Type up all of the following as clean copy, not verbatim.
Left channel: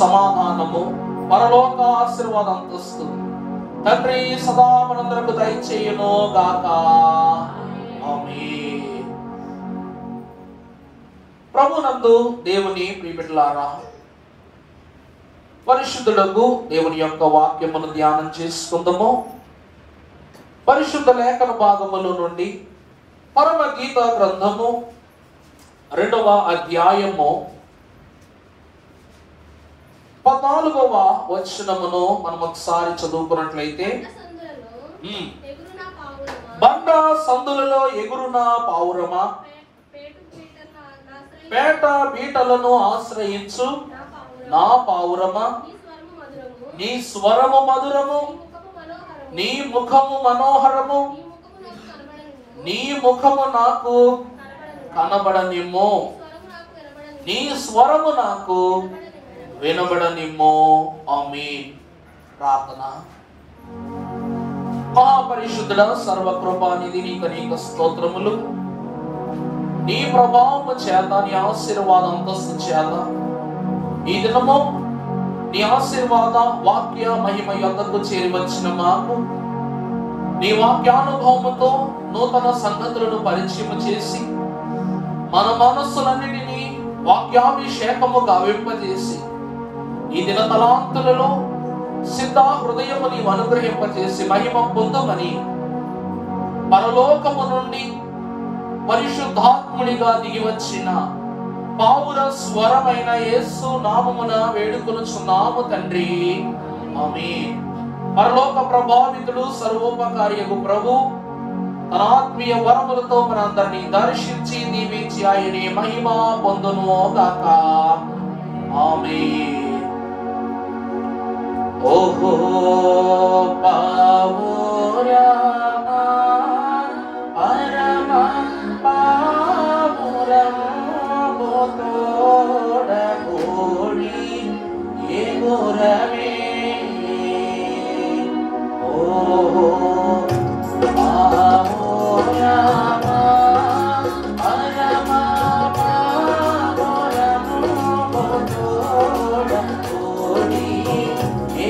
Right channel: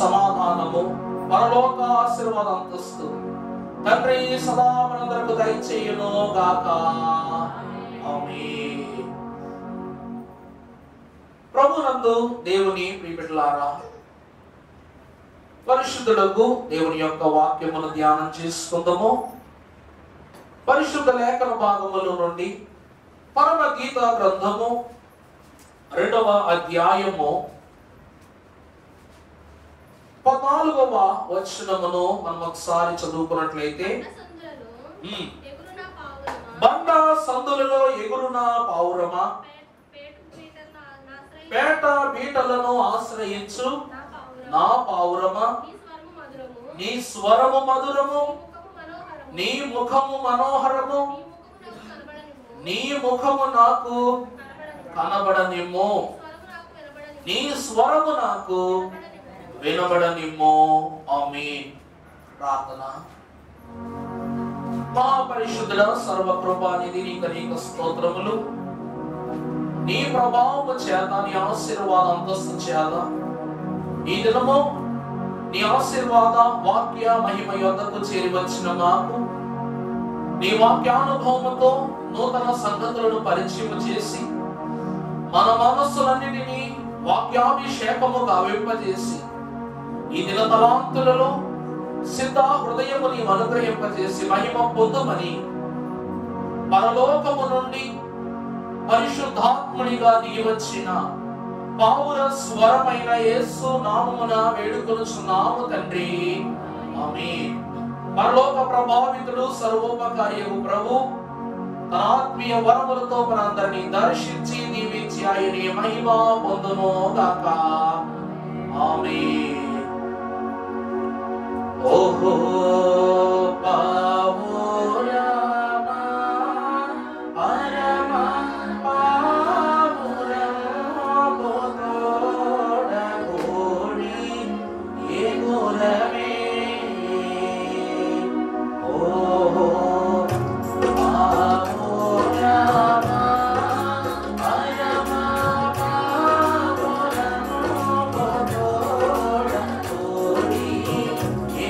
సమాధానము పరలోక ఆశీర్వాద అంతస్తు తండ్రి సదా మనందరకు దయచేయును గాక. ఆమేన్. ప్రభునందు దేవుని ప్రియబిడ్డలారా, పరిశుద్ధులకు దేవుని యొక్క వాక్యమును ధ్యానం చేసుకుందాము. పరిశుద్ధ లేఖన భాగముల నుండి పరమ గీత గ్రంథము 2వ అధ్యాయము 14వ వచనమును మనం ఒకసారి చదువుకున్నట్లయితే, బండ సందులలో ఎగురున పావురమా, పేట బీటలను ఆశ్రయించు నా పావురమా, నీ స్వరము మధురము, నీ ముఖము మనోహరము, నీ ముఖము నాకు కనబడనిమ్ము, నీ స్వరము నాకు వినబడనిమ్ము. ఆమేన్. ప్రార్థన. మహాపరిశుద్ధుడ సర్వకృపానిధి నీకు అనేక స్తోత్రములు. నీ ప్రభావము చేత, నీ ఆశీర్వాద అంతస్తు చేత ఈ దినము నీ ఆశీర్వాద వాక్య మహిమ యొద్దకు చేరి వచ్చిన మాకు నీ వాక్యానుభవముతో నూతన సంగతులను పరిచయం చేసి మన మనస్సులన్నిటినీ వాక్యాభిషేకము గావింపజేసి ఈ దిన తలాంతులలో సిద్ధ హృదయము నీవు అనుగ్రహింపజేసి మహిమ పొందమని పరలోకము నుండి పరిశుద్ధాత్మునిగా దిగి వచ్చిన పావుర స్వరమైన యేసు నామమున వేడుకొనుచున్నాము తండ్రి. ఆమేన్. పరలోక ప్రభావితుడు సర్వోపకారియకు ప్రభు తన ఆత్మీయ వరములతో మనందరినీ దర్శించి దీవించి ఆయనే మహిమ పొందుము గాక. ఆమేన్. ఓహో పావురా పరమ పావురా బోధోడగోడి ఎగురవే. ఓహో పావురా పరమ పావురా బోధోడగోడి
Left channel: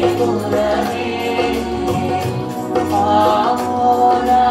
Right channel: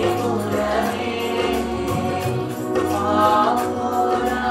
ఎగురవే. పావురా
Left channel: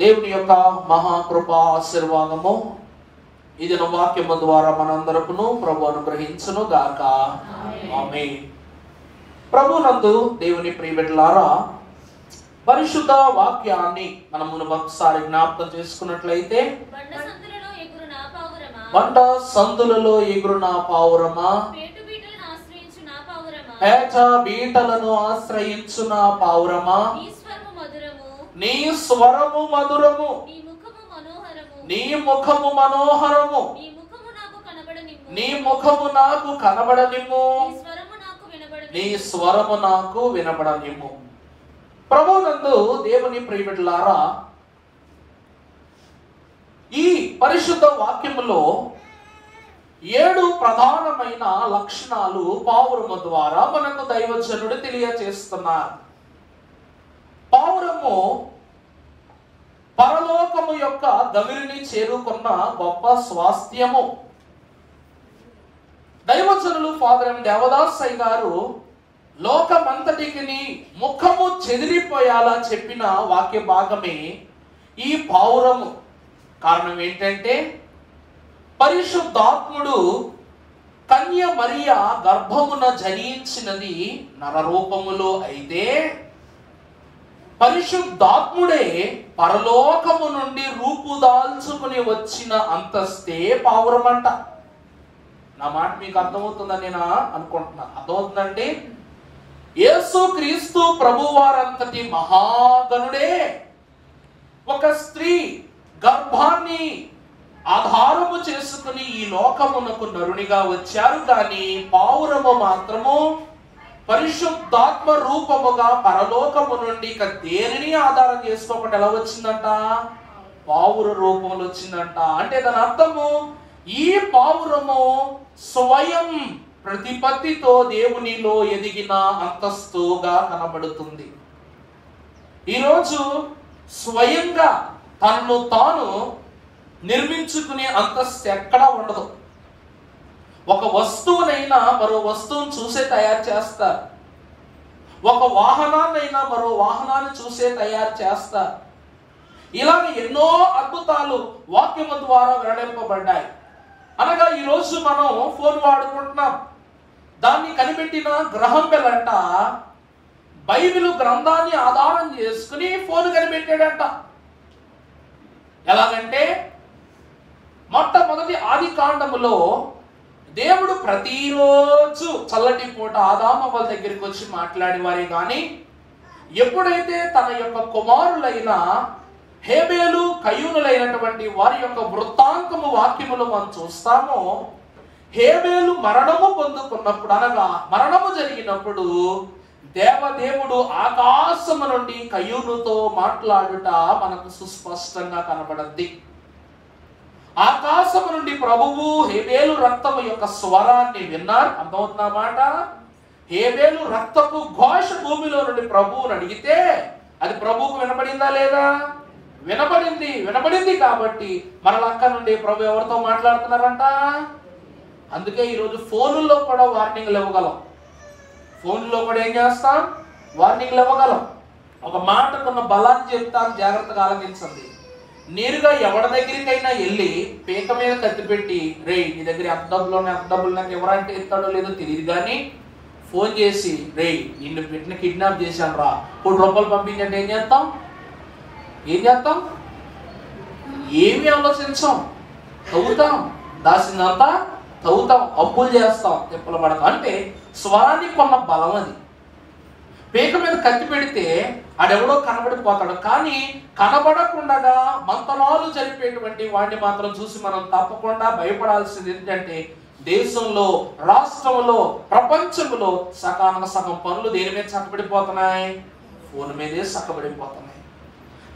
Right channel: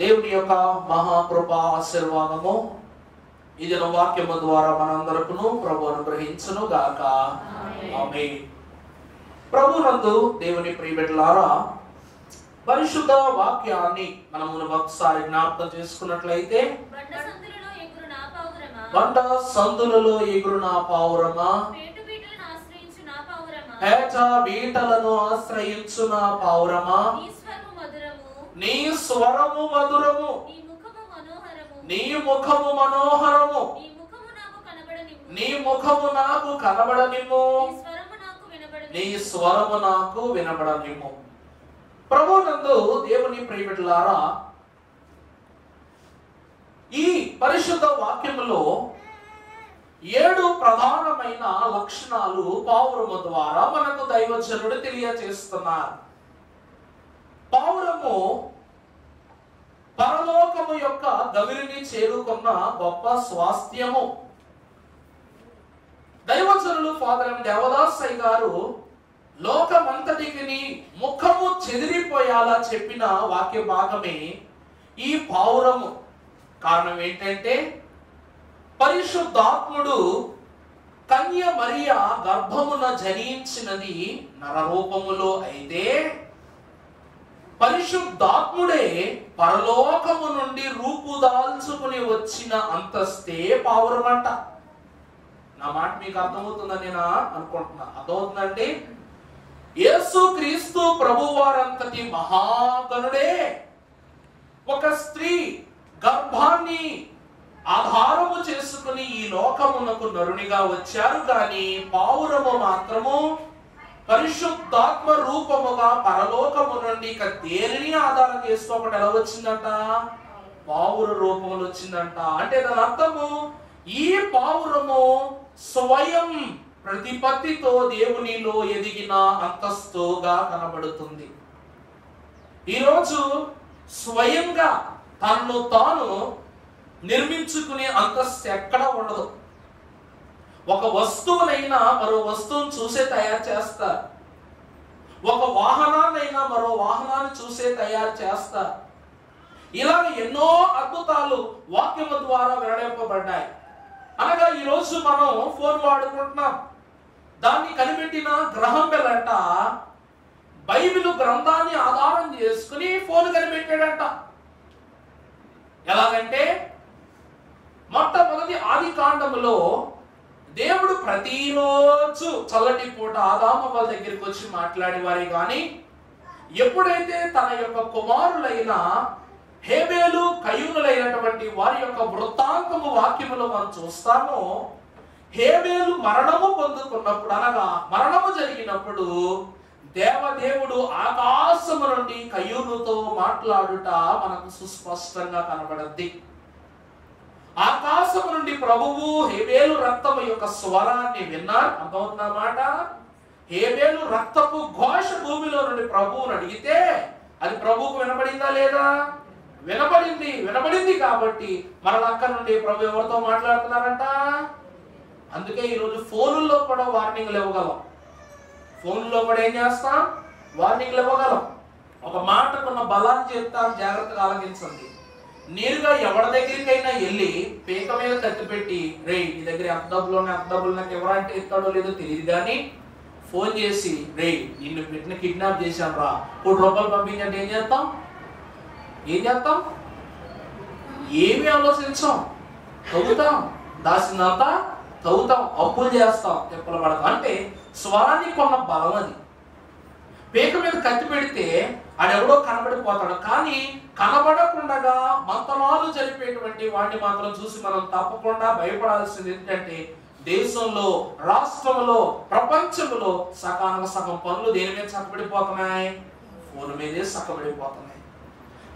దేవుని యొక్క మహాకృప ఆశీర్వాదము ఇది వాక్యము ద్వారా మనందరకును ప్రభు అనుగ్రహించును గాక. ఆమేన్. ప్రభునందు దేవుని ప్రియబిడ్డలారా, పరిశుద్ధ వాక్యాన్ని మనం ఒకసారి జ్ఞాపకం చేసుకున్నట్లయితే, బండ సందులలో ఎగురున పావురమా, పేట బీటలను ఆశ్రయించున పావురమా, నీ స్వరము మధురము, నీ ముఖము మనోహరము, నీ ముఖము నాకు కనబడనిమ్ము, నీ స్వరము నాకు వినబడనిమ్ము. ప్రభునందు దేవుని ప్రియబిడ్డలారా, ఈ పరిశుద్ధ వాక్యములో 7 ప్రధానమైన లక్షణాలు పావురము ద్వారా మనకు దైవజనుడు తెలియజేస్తున్నారు. పావురము పరలోకము యొక్క గవిరిని చేరుకున్న గొప్ప స్వాస్థ్యము. దైవజనులు ఫాదర్ ఎం దేవదాసయ్య గారు లోకమంతటికి ముఖము చెదిరిపోయేలా చెప్పిన వాక్య భాగమే ఈ పావురము. కారణం ఏంటంటే, పరిశుద్ధాత్ముడు కన్య మరియ గర్భమున జనించినది నరరూపములో అయితే, పరిశుద్ధాత్ముడే పరలోకము నుండి రూపుదాల్చుకుని వచ్చిన అంతస్తే పావురం అంట. నా మాట మీకు అర్థమవుతుందని నేను అనుకుంటున్నా. అర్థమవుతుందండి? యేసు క్రీస్తు ప్రభువారంతటి మహాగణుడే ఒక స్త్రీ గర్భాన్ని ఆధారము చేసుకుని ఈ లోకమునకు నరునిగా వచ్చారు. కానీ పావురము మాత్రము పరిశుద్ధాత్మ రూపముగా పరలోకము నుండి ఇక దేనిని ఆధారం చేసుకోకుండా ఎలా వచ్చిందంట? పావుర రూపంలో వచ్చిందంట. అంటే దాని అర్థము, ఈ పావురము స్వయం ప్రతిపత్తితో దేవునిలో ఎదిగిన అంతస్తుగా కనబడుతుంది. ఈరోజు స్వయంగా తనను తాను నిర్మించుకునే అంతస్తు ఎక్కడా ఉండదు. ఒక వస్తువునైనా మరో వస్తువును చూసే తయారు చేస్తారు. ఒక వాహనాన్నైనా మరో వాహనాన్ని చూసే తయారు చేస్తారు. ఇలాగ ఎన్నో అద్భుతాలు వాక్యము ద్వారా వెల్లడింపబడ్డాయి. అనగా ఈరోజు మనం ఫోన్ వాడుకుంటున్నాం. దాన్ని కనిపెట్టిన గ్రహం బెల్ బైబిల్ గ్రంథాన్ని ఆధారం చేసుకుని ఫోన్ కనిపెట్టాడంట. ఎలాగంటే మొట్టమొదటి ఆది కాండములో దేవుడు ప్రతిరోజు చల్లటి పూట ఆదామవ్వల దగ్గరికి వచ్చి మాట్లాడేవారే గాని ఎప్పుడైతే తన యొక్క కుమారులైన హేబేలు కయూనులైనటువంటి వారి యొక్క వృత్తాంతము వాక్యములు మనం చూస్తామో, హేబేలు మరణము పొందుకున్నప్పుడు, అనగా మరణము జరిగినప్పుడు దేవదేవుడు ఆకాశము నుండి కయూనుతో మాట్లాడుట మనకు సుస్పష్టంగా కనబడద్ది. ఆకాశము నుండి ప్రభువు హేబేలు రక్తము యొక్క స్వరాన్ని విన్నారు. అర్థమవుతున్న మాట? హేబేలు రక్తపు ఘోష భూమిలో నుండి ప్రభువుని అడిగితే అది ప్రభువుకు వినపడిందా లేదా? వినపడింది. వినపడింది కాబట్టి అక్కడ నుండి ప్రభు ఎవరితో మాట్లాడుతున్నారంట? అందుకే ఈరోజు ఫోనుల్లో కూడా వార్నింగ్లు ఇవ్వగలం. ఫోన్లో కూడా ఏం చేస్తాం? వార్నింగ్లు ఇవ్వగలం. ఒక మాటకున్న బలాన్ని చెప్తాం, జాగ్రత్తగా ఆలకించండి. నేరుగా ఎవరి దగ్గరికైనా వెళ్ళి పీక మీద కత్తి పెట్టి, రే నీ దగ్గర ఎంత డబ్బులు ఉన్నాయి ఎవరంటే ఇస్తాడో లేదో తెలియదు, కానీ ఫోన్ చేసి, రే నిన్ను పెట్టిన కిడ్నాప్ చేశాను రా, ₹100 పంపించంటే ఏం చేస్తాం? ఏమి ఆలోచించాం? తవ్వుతాం, దాసిందంతా తవ్వుతాం, అప్పులు చేస్తాం, తిప్పలు పడతాం. అంటే స్వరానికి కొన్న బలం అది. పీక మీద కత్తి పెడితే ఆడెవడో కనబడిపోతాడు, కానీ కనబడకుండా మంతనాలు జరిపేటువంటి వాడిని మాత్రం చూసి మనం తప్పకుండా భయపడాల్సింది ఏంటంటే, దేశంలో, రాష్ట్రంలో, ప్రపంచంలో సగం పనులు దేని మీద చక్కబడిపోతున్నాయి? ఫోన్ మీదే చక్కబడిపోతున్నాయి.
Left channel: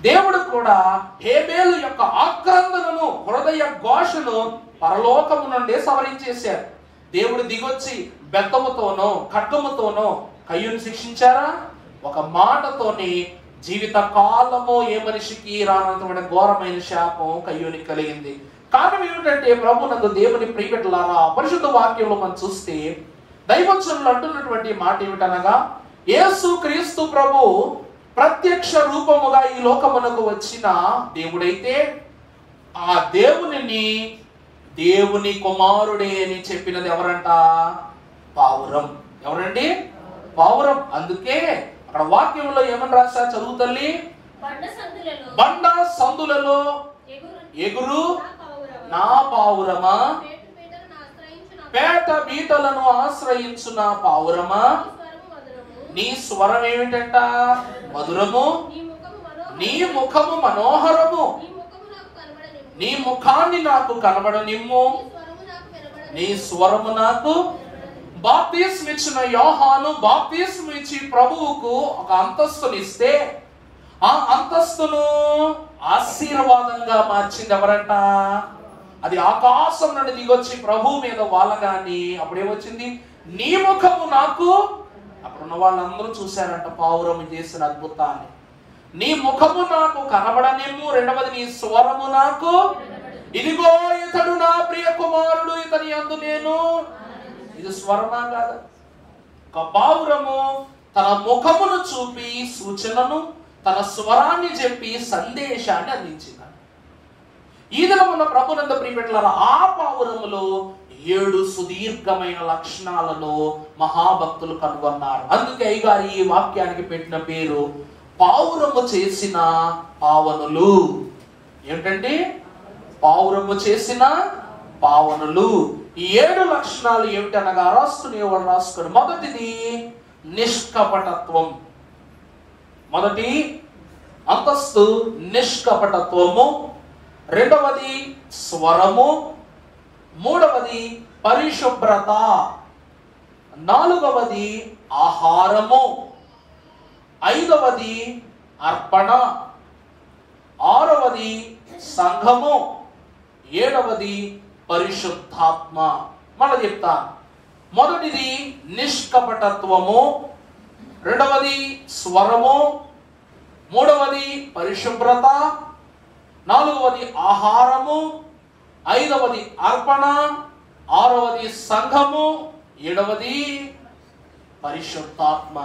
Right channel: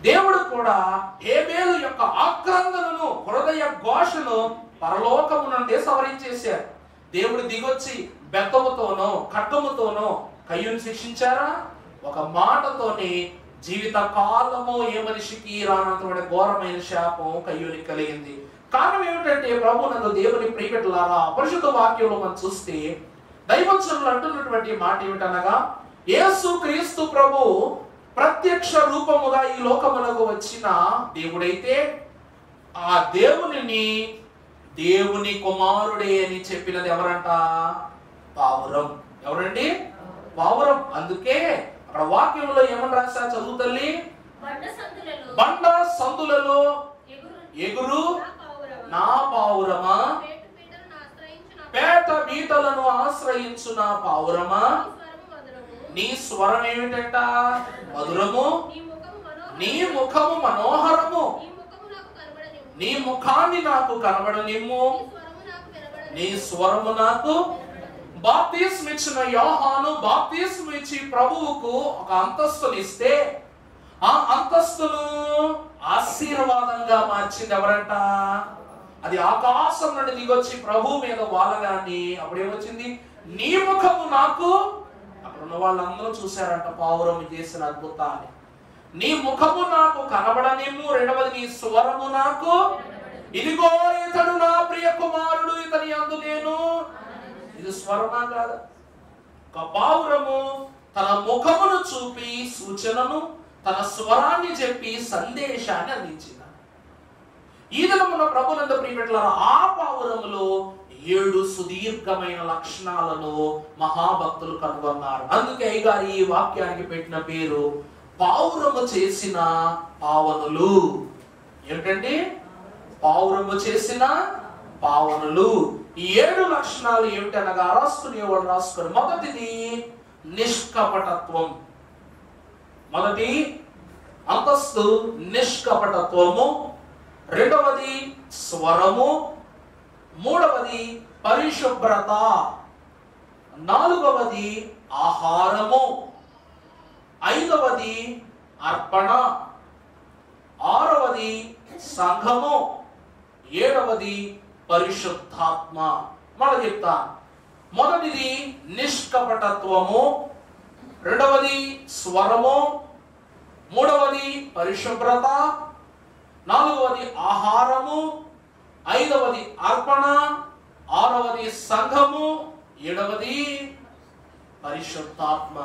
దేవుడు కూడా హేబేలు యొక్క ఆక్రందనను, హృదయ ఘోషను పరలోకము నుండి సవరించేశారు. దేవుడు దిగొచ్చి బెత్తముతోనో ఖడ్గముతోనో కయ్యూని శిక్షించారా? ఒక మాటతోని జీవిత కాలము ఏ మనిషికి రానంత ఘోరమైన శాపం కయ్యూనికి కలిగింది. కారణం ఏమిటంటే, ప్రభునందు దేవుని ప్రియబిడ్డలారా, పరిశుద్ధ వాక్యంలో మనం చూస్తే దైవజనులు అంటున్నటువంటి మాట ఏమిటనగా, యేసు క్రీస్తు ప్రభు ప్రత్యక్ష రూపముగా ఈ లోకమునకు వచ్చిన దేవుడైతే ఆ దేవునిని దేవుని కుమారుడే అని చెప్పినది ఎవరంట? పావురం. ఎవరండి? పావురం. అందుకే అక్కడ వాక్యంలో ఏమని రాశా? చదువు తల్లి. బండ సందులలో ఎగురు నా పావురమా, పేట బీటలను ఆశ్రయించు నా పావురమా, నీ స్వరం ఏమిటంట? మధురము, నీ ముఖము మనోహరము, నీ ముఖాన్ని నాకు కనబడనిమ్ము, నీ స్వరము నాకు. బాప్తిస్మం ఇచ్చిన యోహాను బాప్తిస్మం ఇచ్చి ప్రభువుకు ఒక అంతస్తుని ఇస్తే, ఆ అంతస్తును ఆశీర్వాదంగా మార్చింది ఎవరంట? అది ఆకాశం నుండి దిగొచ్చి ప్రభు మీద వాలగాని అప్పుడేమొచ్చింది? నీ ముఖము నాకు. అక్కడున్న వాళ్ళందరూ చూశారంట పావురం చేసిన అద్భుతాన్ని. నీ ముఖము నాకు కనబడనేమో. రెండవది, నీ స్వరము నాకు. ఇదిగో ఇతడు నా ప్రియ కుమారుడు, ఇతని యందు నేను. ఇది స్వరమా కాదు? ఒక పావురము తన ముఖమును చూపి సూచనను, తన స్వరాన్ని చెప్పి సందేశాన్ని అందించింది. ఈ దినమున ప్రభునందు ప్రియబిడ్డలారా, ఆ పావురములో 7 సుదీర్ఘమైన లక్షణాలను మహాభక్తులు కనుగొన్నారు. అందుకే అయ్యగారు ఈ వాక్యానికి పెట్టిన పేరు పావురము చేసిన పావనులు. ఏమిటండి? పావురము చేసిన పావనులు. ఈ 7 లక్షణాలు ఏమిటనగా రాసుకుని మొదటిది నిష్కపటత్వం. మొదటి అంతస్తు నిష్కపటత్వము, రెండవది స్వరము, మూడవది పరిశుభ్రత, నాలుగవది ఆహారము, ఐదవది అర్పణ, ఆరవది సంఘము, ఏడవది పరిశుద్ధాత్మ. మనం చెప్తా. మొదటిది నిష్కపటత్వము, రెండవది స్వరము, మూడవది పరిశుభ్రత, నాలుగవది ఆహారము, ఐదవది అర్పణ, ఆరవది సంఘము, ఏడవది పరిశుద్ధాత్మ.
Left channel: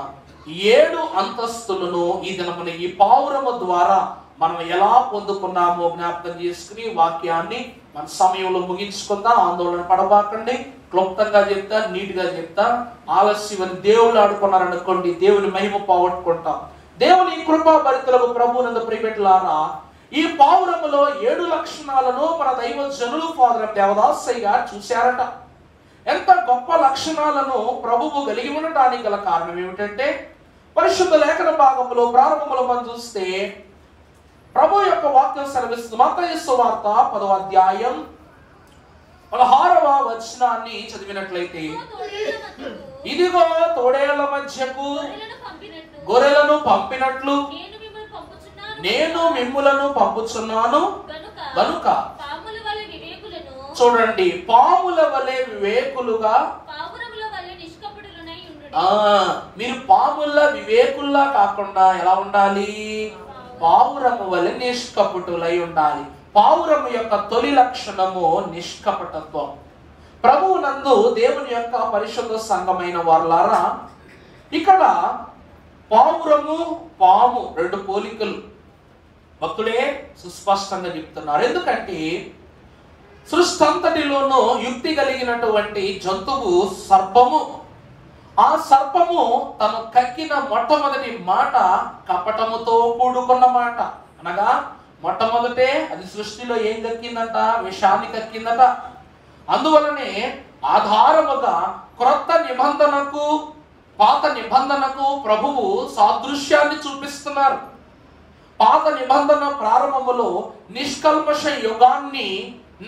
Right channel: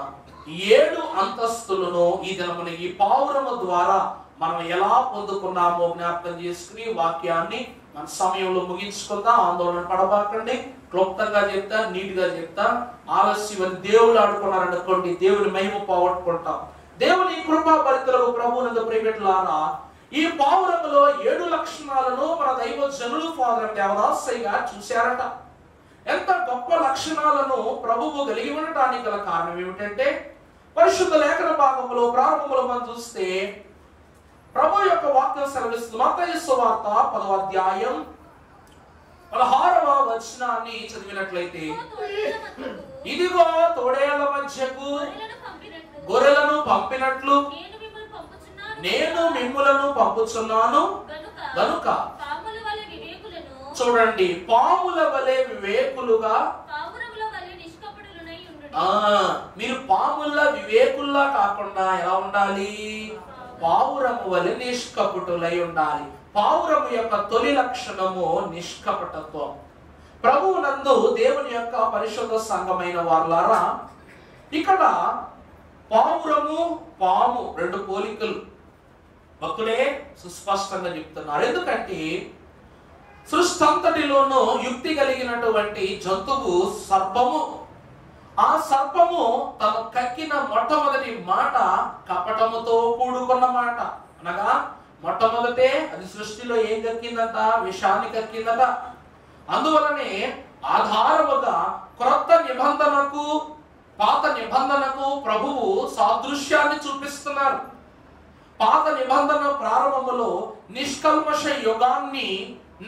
7 అంతస్తులను ఈ దినమున ఈ పావురము ద్వారా మనం ఎలా పొందుకున్నామో జ్ఞాపకం చేసుకుని వాక్యాన్ని మన సమయంలో ముగించుకుందాం. ఆందోళన పడబాకండి. క్లుప్తంగా చెప్తా, నీట్ గా చెప్తా. ఆలస్యం దేవుళ్ళు ఆడుకున్నారనుకోండి, దేవుని మహిమ పోగొట్టుకుంటాం. దేవుని కృపా భరితులకు ప్రభువునందు ప్రియబిడ్డలారా, ఈ పావురములో 7 లక్షణాలను మన దైవజనులు ఫాదర్ దేవదాసయ్య గారు చూశారట. ఎంత గొప్ప లక్షణాలను ప్రభువు కలిగి ఉండటానికి గల కారణం ఏమిటంటే, పరిశుద్ధ లేఖన భాగంలో ప్రారంభంలో మనం చూస్తే ప్రభు యొక్క వాక్యం సెలవిస్తుంది. మత్తయి సువార్త 10వ అధ్యాయం 16వ వచనాన్ని చదివినట్లయితే, ఇదిగో తోడేళ్ల మధ్యకు గొర్రెలను పంపినట్లు నేను మిమ్ములను పంపుచున్నాను గనుక. చూడండి, పాముల వలె వివేకులుగా, మీరు పాముల వివేకుల్లా కాకుండా ఎలా ఉండాలి? పావురము వలె నిష్కపటులై ఉండాలి. పావురము యొక్క తొలి లక్షణము నిష్కపటత్వం. ప్రభువునందు దేవుని యొక్క పరిశుద్ధ సంఘమైన వారలారా, ఇక్కడ పావురము పాము 2 పోలికలు భక్తుడే సుస్పష్టంగా చెప్తున్నారు. ఎందుకంటే సృష్టి అంతటిలోనూ యుక్తి కలిగినటువంటి జంతువు సర్పము. ఆ సర్పము తను కక్కిన మొట్టమొదటి మాట కపటముతో కూడుకున్న మాట. అనగా మొట్టమొదటే అది సృష్టిలో ఏం కక్కిందట? విషాన్ని కక్కిందట. అందువలనే ఆధారముగా క్రొత్త నిబంధనకు పాత నిబంధనకు ప్రభువు సాదృశ్యాన్ని చూపిస్తున్నారు. పాత నిబంధన ప్రారంభములో నిష్కల్మష యుగాన్ని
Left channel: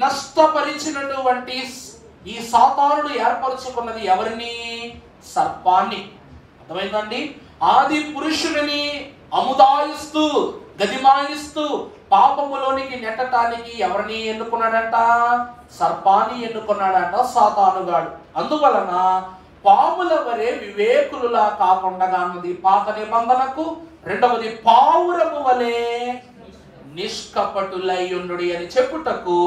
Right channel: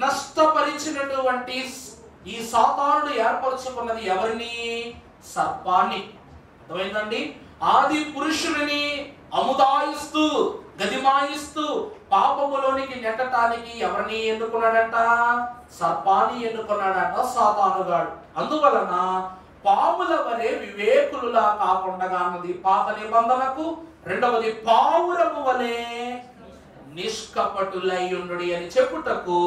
నష్టపరిచినటువంటి ఈ సాతానుడు ఏర్పరచుకున్నది ఎవరిని? సర్పాన్ని. అర్థమైందండి? ఆది పురుషుని అముదాయిస్తూ గదిమాయిస్తూ పాపములోనికి నెట్టడానికి ఎవరిని ఎన్నుకున్నాడట? సర్పాన్ని ఎన్నుకున్నాడట సాతానుగాడు. అందువలన పాముల వలె వివేకులులా కాకుండా అన్నది పాత నిబంధనకు, రెండవది పావురము వలె నిష్కపటులై ఉండుడి అని చెప్పుటకు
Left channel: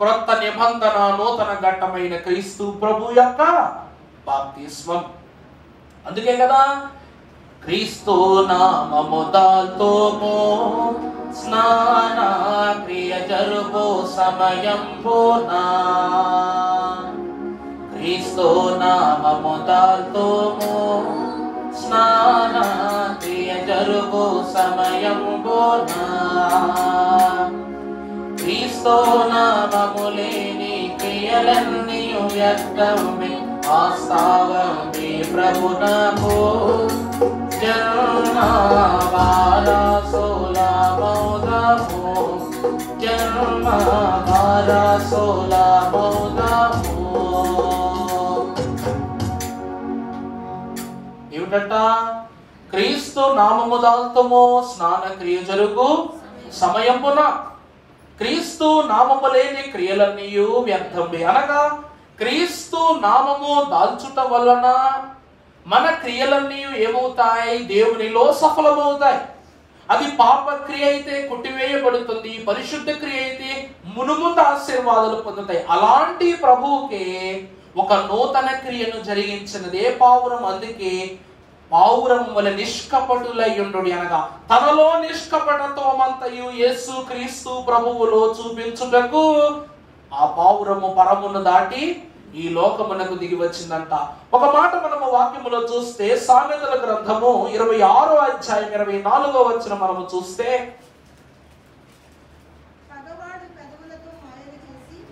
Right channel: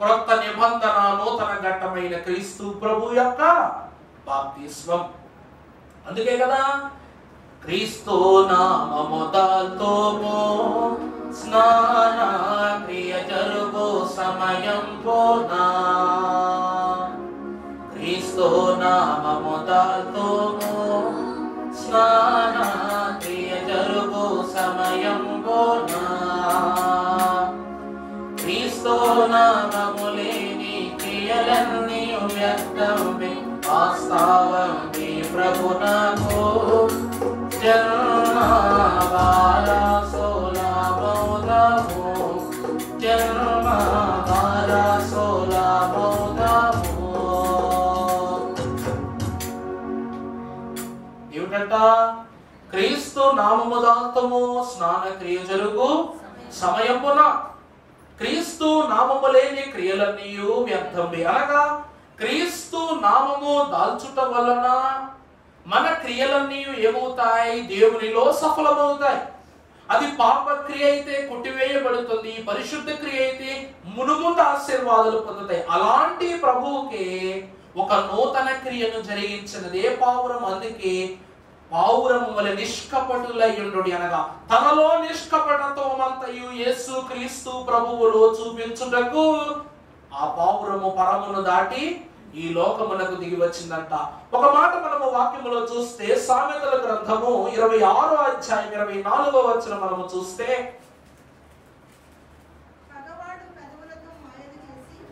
క్రొత్త నిబంధన నూతన ఘట్టమైన క్రీస్తు ప్రభు యొక్క బాప్తిస్మం. అందుకే కదా క్రీస్తు నామముతో స్నాన క్రియ జరుగు సమయం పోనా. క్రీస్తు నామముతో స్నాన క్రియ జరుగు సమయం పోనా. క్రీస్తు నామములేని క్రియలన్నీ వ్యర్థమే, వాస్తవమే ప్రభునకు జన్మ వారసులమౌదము, జన్మ వారసులమౌదము. ఏమిటంట? క్రీస్తు నామము దాల్తము స్నాన క్రియ జరుగు సమయమున. క్రీస్తు నామము లేని క్రియలన్నీ వ్యర్థమే. అనగా క్రీస్తు నామము దాల్చుట వలన మన క్రియలన్నీ ఏమవుతాయి? దేవునిలో సఫలమవుతాయి. అది పాప క్రియ అయితే కొట్టివేయబడుతుంది, పరిశుద్ధ క్రియ అయితే మునుముందు ఆశీర్వాదాలు పొందుతాయి. అలాంటి ప్రభువుకే ఒక నూతన క్రియను జరిగించినదే పావురం. అందుకే పావురం వలె నిష్కపటులై ఉండుడి అనగా తనలో నిష్కపటత్వమంతయు యేసు క్రీస్తు ప్రభువులో చూపించుటకు ఆ పావురము పరమును దాటి ఈ లోకమునకు దిగి వచ్చిందంట. ఒక మాట మనము వాక్యములో చూస్తే సామెతల గ్రంథము 26వ అధ్యాయం 24వ వచనం మనము చూస్తే,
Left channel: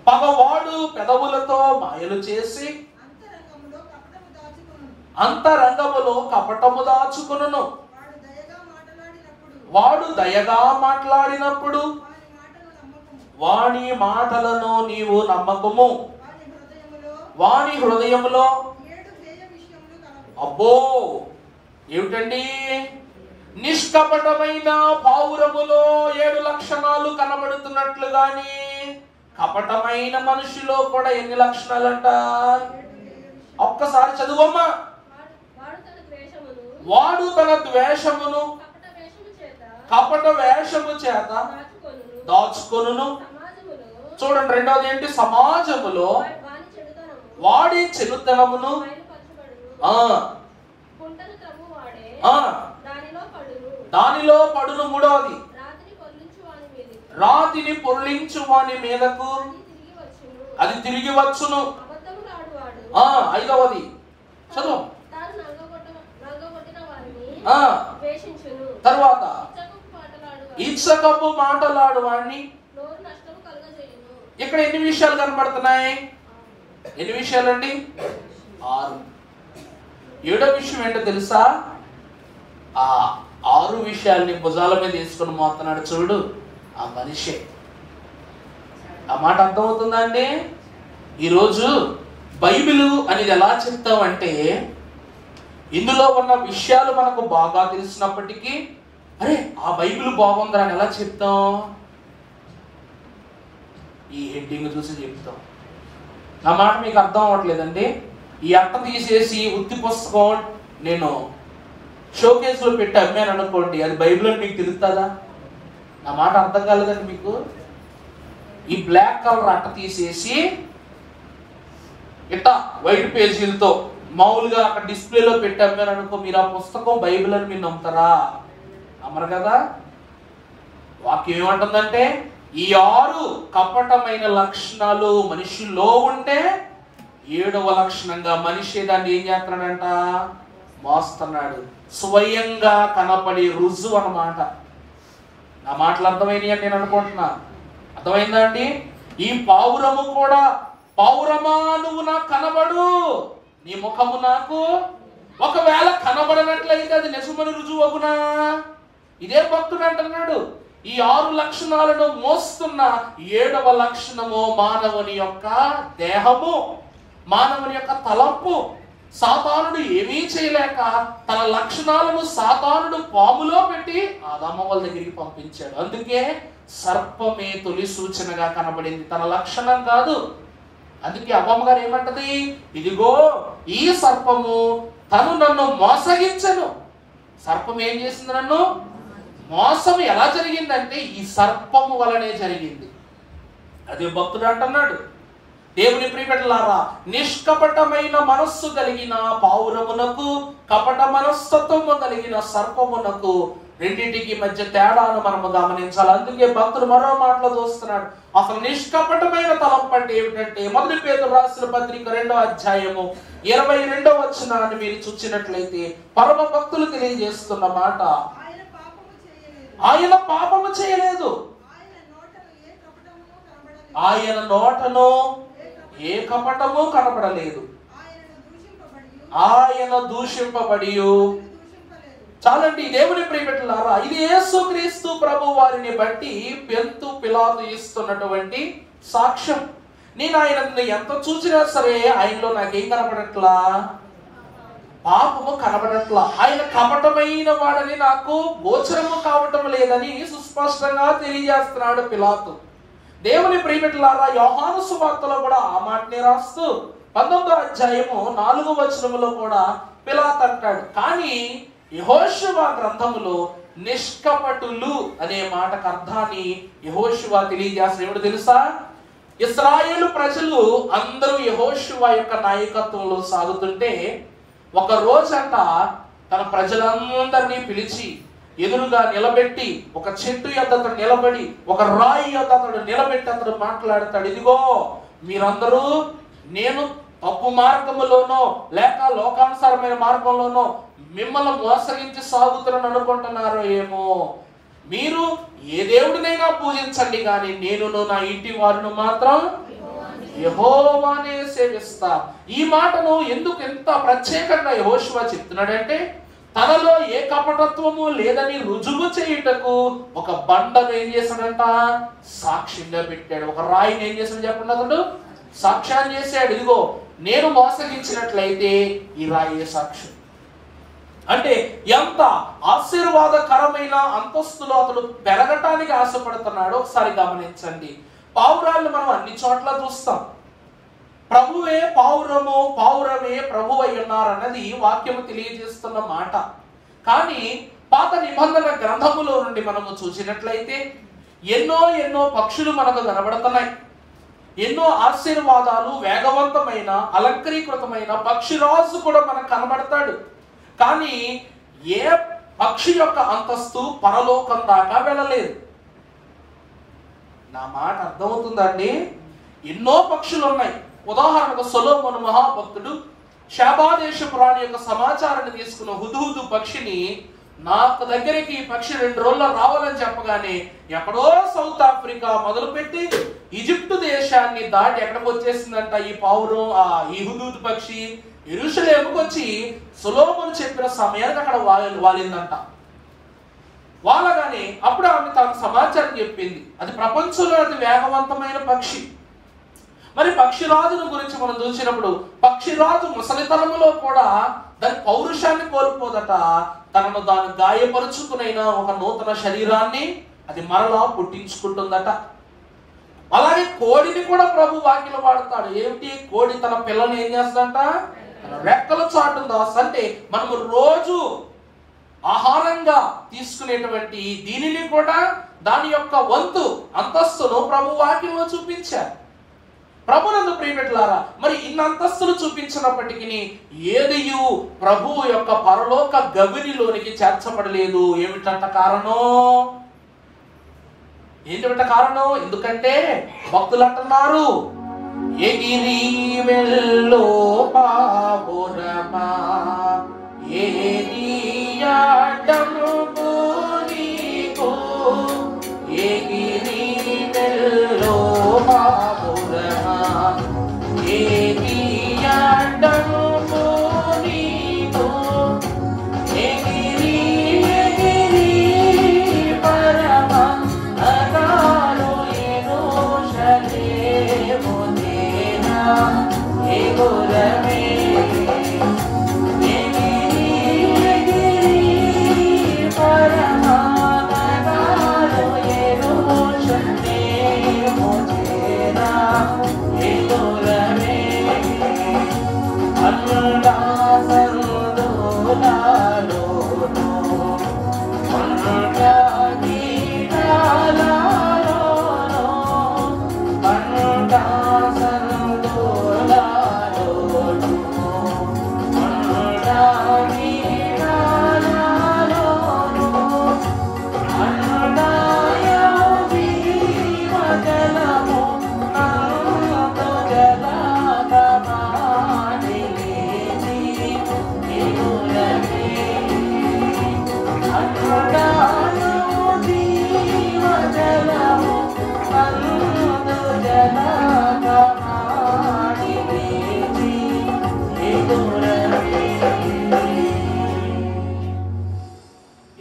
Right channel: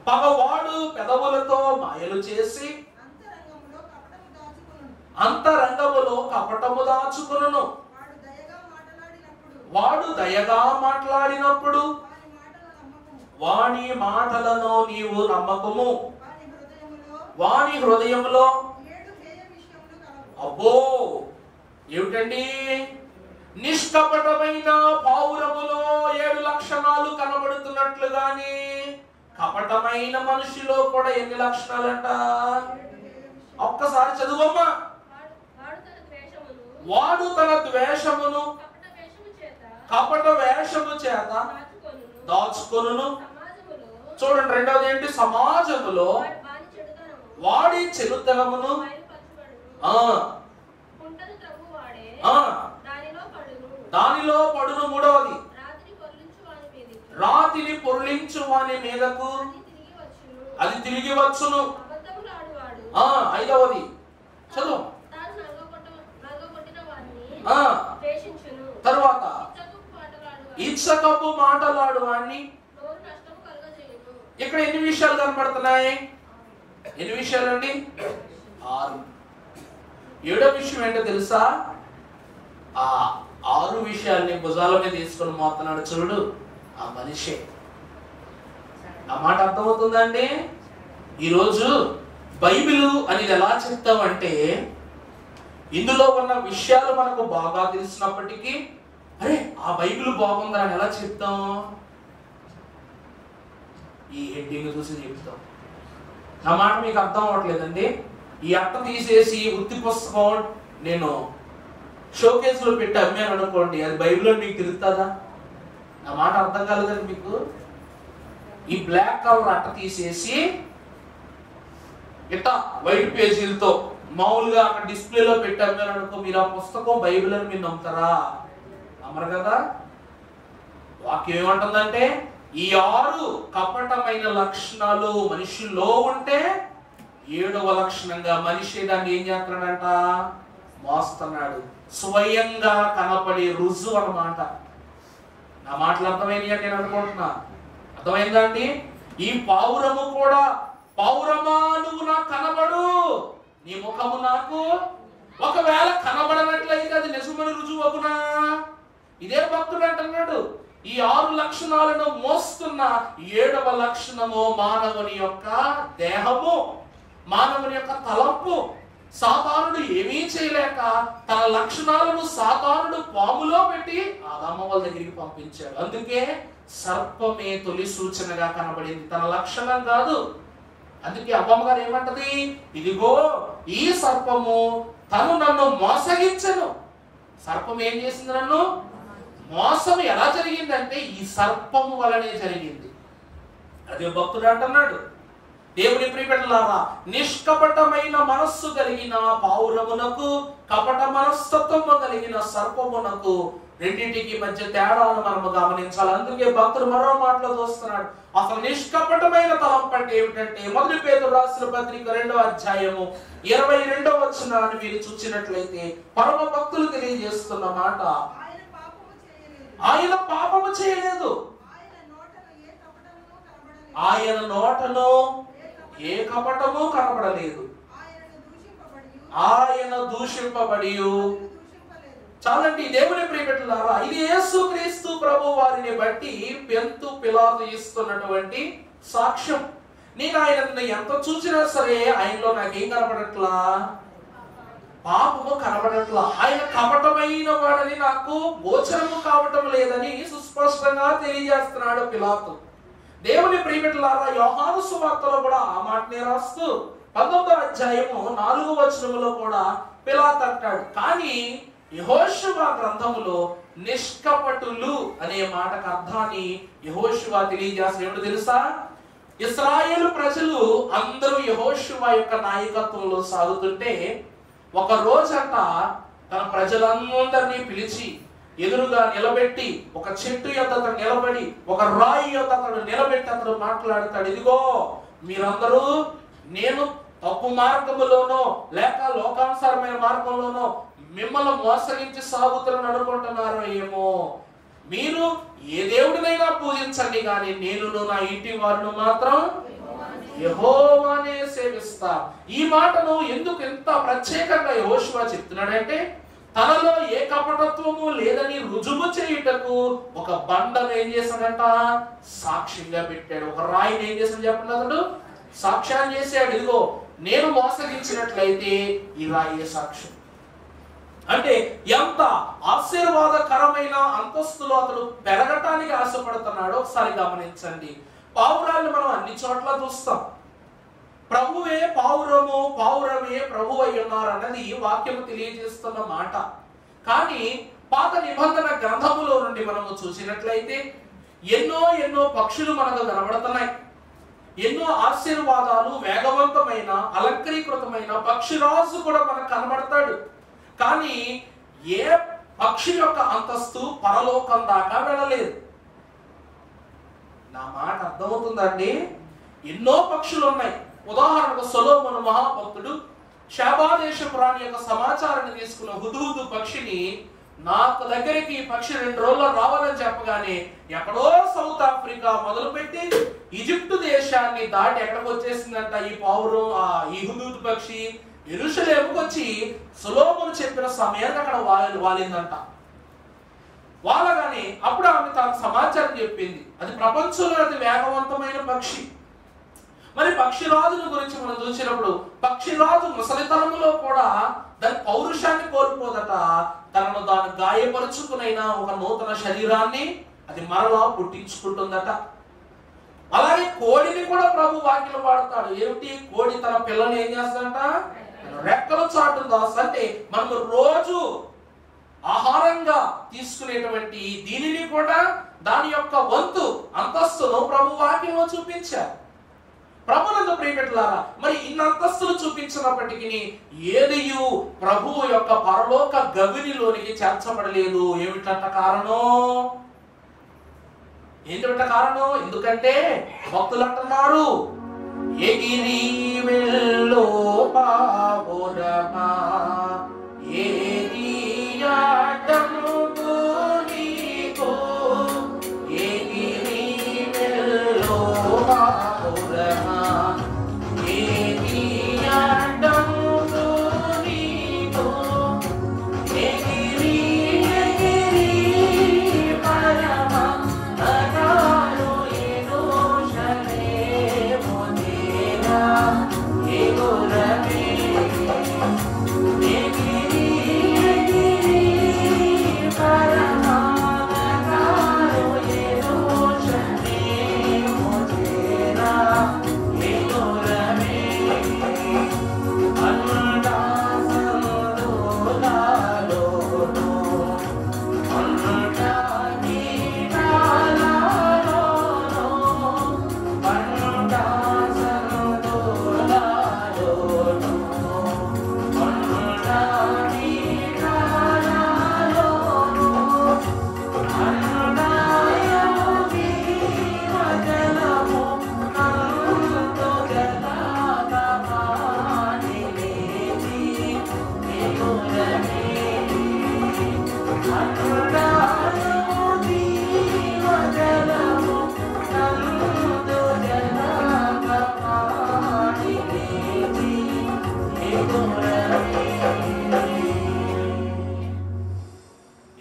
పగవాడు పెదవులతో మాయలు చేసి అంతరంగములో కపటము దాచుకొనును. వాడు దయగా మాట్లాడినప్పుడు వాని మాటలను నీవు నమ్మకము. వాని హృదయములో అబ్బో ఏమిటండి, నిష్కపటమైన పావురములో 7 లక్షణాలు కనబడుతున్నట్లు గాని కపటమైన మనిషిలో కూడా ఎన్ని లక్షణాలంట? ఒక్కసారి చదువమ్మా. వాడు తన ద్వేషమును కపట వేషము చేత దాచుకొనును. చూడండి, రెండవది ఏంటి? సమాజములో వాడి చెడుతనమును దానిలో పడును. మూడవది, రాతిని పొర్లించు వాని మీదకు అది తిరిగి వచ్చును. ఐదవది చదువు. తర్వాత ఇచ్చకపు మాటలాడు వాడిని. ఇక్కడ ఎన్ని విషయాలు కనబడుతున్నాయి? ఎన్ని విషయాలండి? 6. 7వ విషయం ఏంటో తెలుసా? ఆ 6 విషయాల్ని భుజాల మీద తీసుకొని మోస్తున్నాడు చూడు, ఆ మనిషే. ఆ మాట అర్థమవుతుందా అండి? ఈరోజు బైబిల్ అనేది ఎలా చెప్తామంటే, ఇందులో ఉన్న విషయాలు మనకు బాగా తెలిసినప్పటికీ, అరే ఆ బైబిల్ బాగుందని ఎలా చెప్తాం? ఈ హెడ్డింగ్ చూసి చెప్తాం. నా మాట మీకు అర్థం అవ్వట్లేదండి. ఈ అట్ట తీసేసి ఉత్తి పుస్తకం నేను షోకేస్ లో పెట్టి అమ్మాను అనుకోండి, అది బైబిల్లో మీకు తిరుగుతుందా? నా మాట అర్థం కాలేదండి మీకు. ఈ బ్లాక్ కలర్ అట్ట తీసేసి ఇట్లా వైట్ పేజీలతో మామూలుగా అక్కడ డిస్ప్లేలో పెట్టి అమ్మాను అనుకో, మీరు ఆ పుస్తకం బైబిల్ అని మీరు నమ్ముతారా? నమ్మరు కదా. వాక్యం ఏమంటుందంటే, ఈ 6 కపటమైన లక్షణాలు మనిషిలో ఉంటే 7వ లక్షణంగా మనిషి దాన్ని ఏం చేస్తున్నాడంట? మోస్తున్నాడు. స్వయంగా కనపడి రుజువు అన్నమాట. నా మాటలు అర్థమైనవి అని నేను అనుకుంటున్నా. అర్థమైందా అండి? ఈ పావురము కూడా, పావురమా నువ్వు నాకు కనబడు, నీ ముఖము నాకు ఒకవేళ కనబడనట్లయితే అది నిజమని రుజువు అవునా? ఇదే భక్తుడు అంటున్నాడు. ఈ 6 లక్షణాలను మోస్తున్న 7వ లక్షణము మానవుని యొక్క దేహము, మానవుని యొక్క తలంపు. సాతానుడు ఏమీ చేయలేక తన లక్షణాలను సాతానుడు పాములో పెట్టి ఆదాము వాళ్ళ దగ్గరికి పంపించాడు. అందుకే సర్పమే తొలి సూచనగా కనబడింది, తన లక్షణం కాదు. అందుకే అవ్వమ్మ గారు ఏమంటది? ఇదిగో ఈ సర్పము తను నన్ను మోసగించను. సర్పం ఏం చేసింది? నన్ను మోసం ఎలా జరిగిందంటే ఈ సర్పము వలనే జరిగింది. అదే భక్తుడు అంటున్నాడు, దేవుని ప్రియబిడ్డలారా, నిష్కపటమైన మనస్సు కలిగిన పావురమునకు కపట మనస్తత్వము కలిగిన సర్పమునకు రెండింటికి మధ్య తేడాను మనము గమనించాలి. అందుకే భక్తుడు మరో మాటలో చూస్తున్నాడు. అసలు నిష్కపటమైన తలంపు అంటే ఏమిటంటే, 1 పేతురు రాసిన పత్రిక 2వ అధ్యాయము 22వ వచనాన్ని మీరు చూసినట్లయితే పరమ భక్తులు తెలియజేస్తున్న మాట, ఆయన పాపము చేయలేదు, ఆయన నోటలో ఏ కపటము కనబడలేదు, ఆయన దూషింపబడి. చాలండి దేవుని ప్రియబిడ్డలారా, ఇది యేసుక్రీస్తు ప్రభు వారిని బట్టి పెంతు పిలాతు ఇస్తున్నటువంటి సాక్ష్యం. నేను ఆయనను ఎంత చూసినా సరే ఆయనలో నాకేం కనబడట్లా? పాపము కనబడట్లా. ఆయన కపటమైన వాడని నాకు గోచరము కావటం లేదని సుస్పష్టంగా తెలియజేస్తున్నాడు పిలాతు. దేవుని ప్రియబిడ్డలారా, యోహాను సువార్తలో కూడా ఆ మాటనే రాస్తూ 19వ అధ్యాయము 4వ వచనంలో కూడా పిలాతు అంటాడు. కానీ యెహోషువ గ్రంథములో నిష్కపటులు అనే మాటకు అర్థాన్ని యెహోషువ తెలియజేస్తాడు. ఏమిటో తెలుసా? ఇశ్రాయేలు ప్రజలు అందరూ యెహోషువ యొక్క నాయకత్వంలో సాగుతుంటే ఒక రోజంట తన ప్రజలందరినీ పిలిచి ఎదురుగా నిలబెట్టి ఒక చెట్టు యొద్ద అతడు నిలబడి, ఒక రాయి యొద్ద అతడు నిలబెట్టి అతడు మాట్లాడతాడు, ఇదిగో మీరందరూ నేను తప్పు మార్గములోనో లేక లోకానుసారమైన మార్గంలోనో మిమ్మల్ని మోసగించి సాగుతున్నాను అనుకుంటున్నారు ఏమో. మీరు ఏ దేవుడినైనా పూజించండి, కానీ నేను నా ఇంటి వారిని మాత్రం యెహోవానే సేవిస్తా. ఈ మాటను ఎందుకు ఎంత ప్రత్యేకంగా యెహోషువ చెప్తున్నాడంటే, తనలో ఏ కపటత్వము లేదని రుజువు చేయుటకు ఒక బండను ఏం చేశాడంట, సాక్ష్యంగా పెట్టాడు. ఒక రాయిని ఏం చేశాడు చెప్పండి, అతడు సాక్ష్యాన్ని చేశాడు. ఇదిగో నేను మోసగించినట్లయితే ఈ రాయి సాక్ష్యం. అంటే ఎంత ఆశీర్వాదకరమైన అంతస్తులో అతడు పెరగటానికి ఆశపడుతున్నాడో ఒకసారి గమనించండి. పావురాళ్ళు మనం అన్ని చోట్ల చూస్తాం. ప్రభువే పావురము, పావురమే ప్రభు అయి ఉన్నారు అన్నది వాక్యము తెలియజేస్తున్న మాట. కానీ పాత నిబంధన గ్రంథములో నుండి మనము చూసినట్లయితే ఎన్నో ఎన్నో పక్షులు మనకు కనబడుతున్నాయి. ఎన్నో ఆశీర్వాదాలు, వేగవంతమైన అలంకరీకృతమైన పక్షిరాజు కూడా మనకు కనబడతాడు. కానీ ఏ పక్షి యొక్క అంతస్తు పరలోకం దాకా వెళ్ళలేదు. నా మాట అర్థమవుతుందండి? ఎన్నో పక్షులు ఉన్నాయి. ఉదాహరణకు సొలొమోను మహాభక్తుడు శాబాదేశపు రాణి యొక్క సమాచారాన్ని తీసుకున్న హుద్హుదు పక్షిని నాకు దగ్గరికి ఈ పక్షి 2 రోజుల్లో రావాలని చెప్పగానే ఎక్కడో సౌత్ ఆఫ్రికా మొదలుపెట్టి ఈజిప్టు దేశాన్ని దాటి ఎక్కడికి వచ్చేసిందంట ఈ పావురం, ఈ హుద్హుదు పక్షి యెరూషలేముకు వచ్చి సొలొమోను చెప్పిన సమయానికి అక్కడ వాలిందంట. వాళ్ళగానే అప్పుడు ఆమె తన సమాచారం చెప్పింది. అది ప్రపంచంలో అతి వేగవంతమైన పక్షి. మరి పక్షిరాజును గురించి మనం చూసినప్పుడు పక్షిరాజు ముసలితనములో కూడా దాని పౌరుషాన్ని కోల్పోదట. తనను దాన్ని గాయపరుచుకునైనా ఒక నూతన శరీరాన్ని అది మరలా పుట్టించుకుంటుందట. అలాగే కోడిని కూడా ప్రభు వాక్యలో వాడతాడు. ఏమిటి? కోడి తన పిల్లని ఏం చేస్తుందంట, రెక్కలు చాటుందా. అంటే మనము రోజు ఆహారంగా తీసుకునేటువంటి దీనిని కూడా దాని యొక్క వంతు అంతస్తును ప్రభు వాక్యంలో చూపించారు. ప్రభునందు ప్రియమిత్రులారా, మరి ఇన్ని అంతస్తులు చూపించినప్పటికీ ఏదియు ప్రభువు యొక్క పరలోక గవినిలోనికి చేర్చబడలేదు. ఏమిటంట కారణం? ఏంటంట కారణం? ఎందుకంటే భక్తులు అంటున్నారు, ఎగిరి వెల్లో పావురమా ఏది ఆటము నీకు, ఎగిరి వెల్లో పావురమా ఏది ఆటము నీకు, ఎగిరి ఎగిరి పరమా అనాలో యెరూషలేము తేనా ఎగురమే,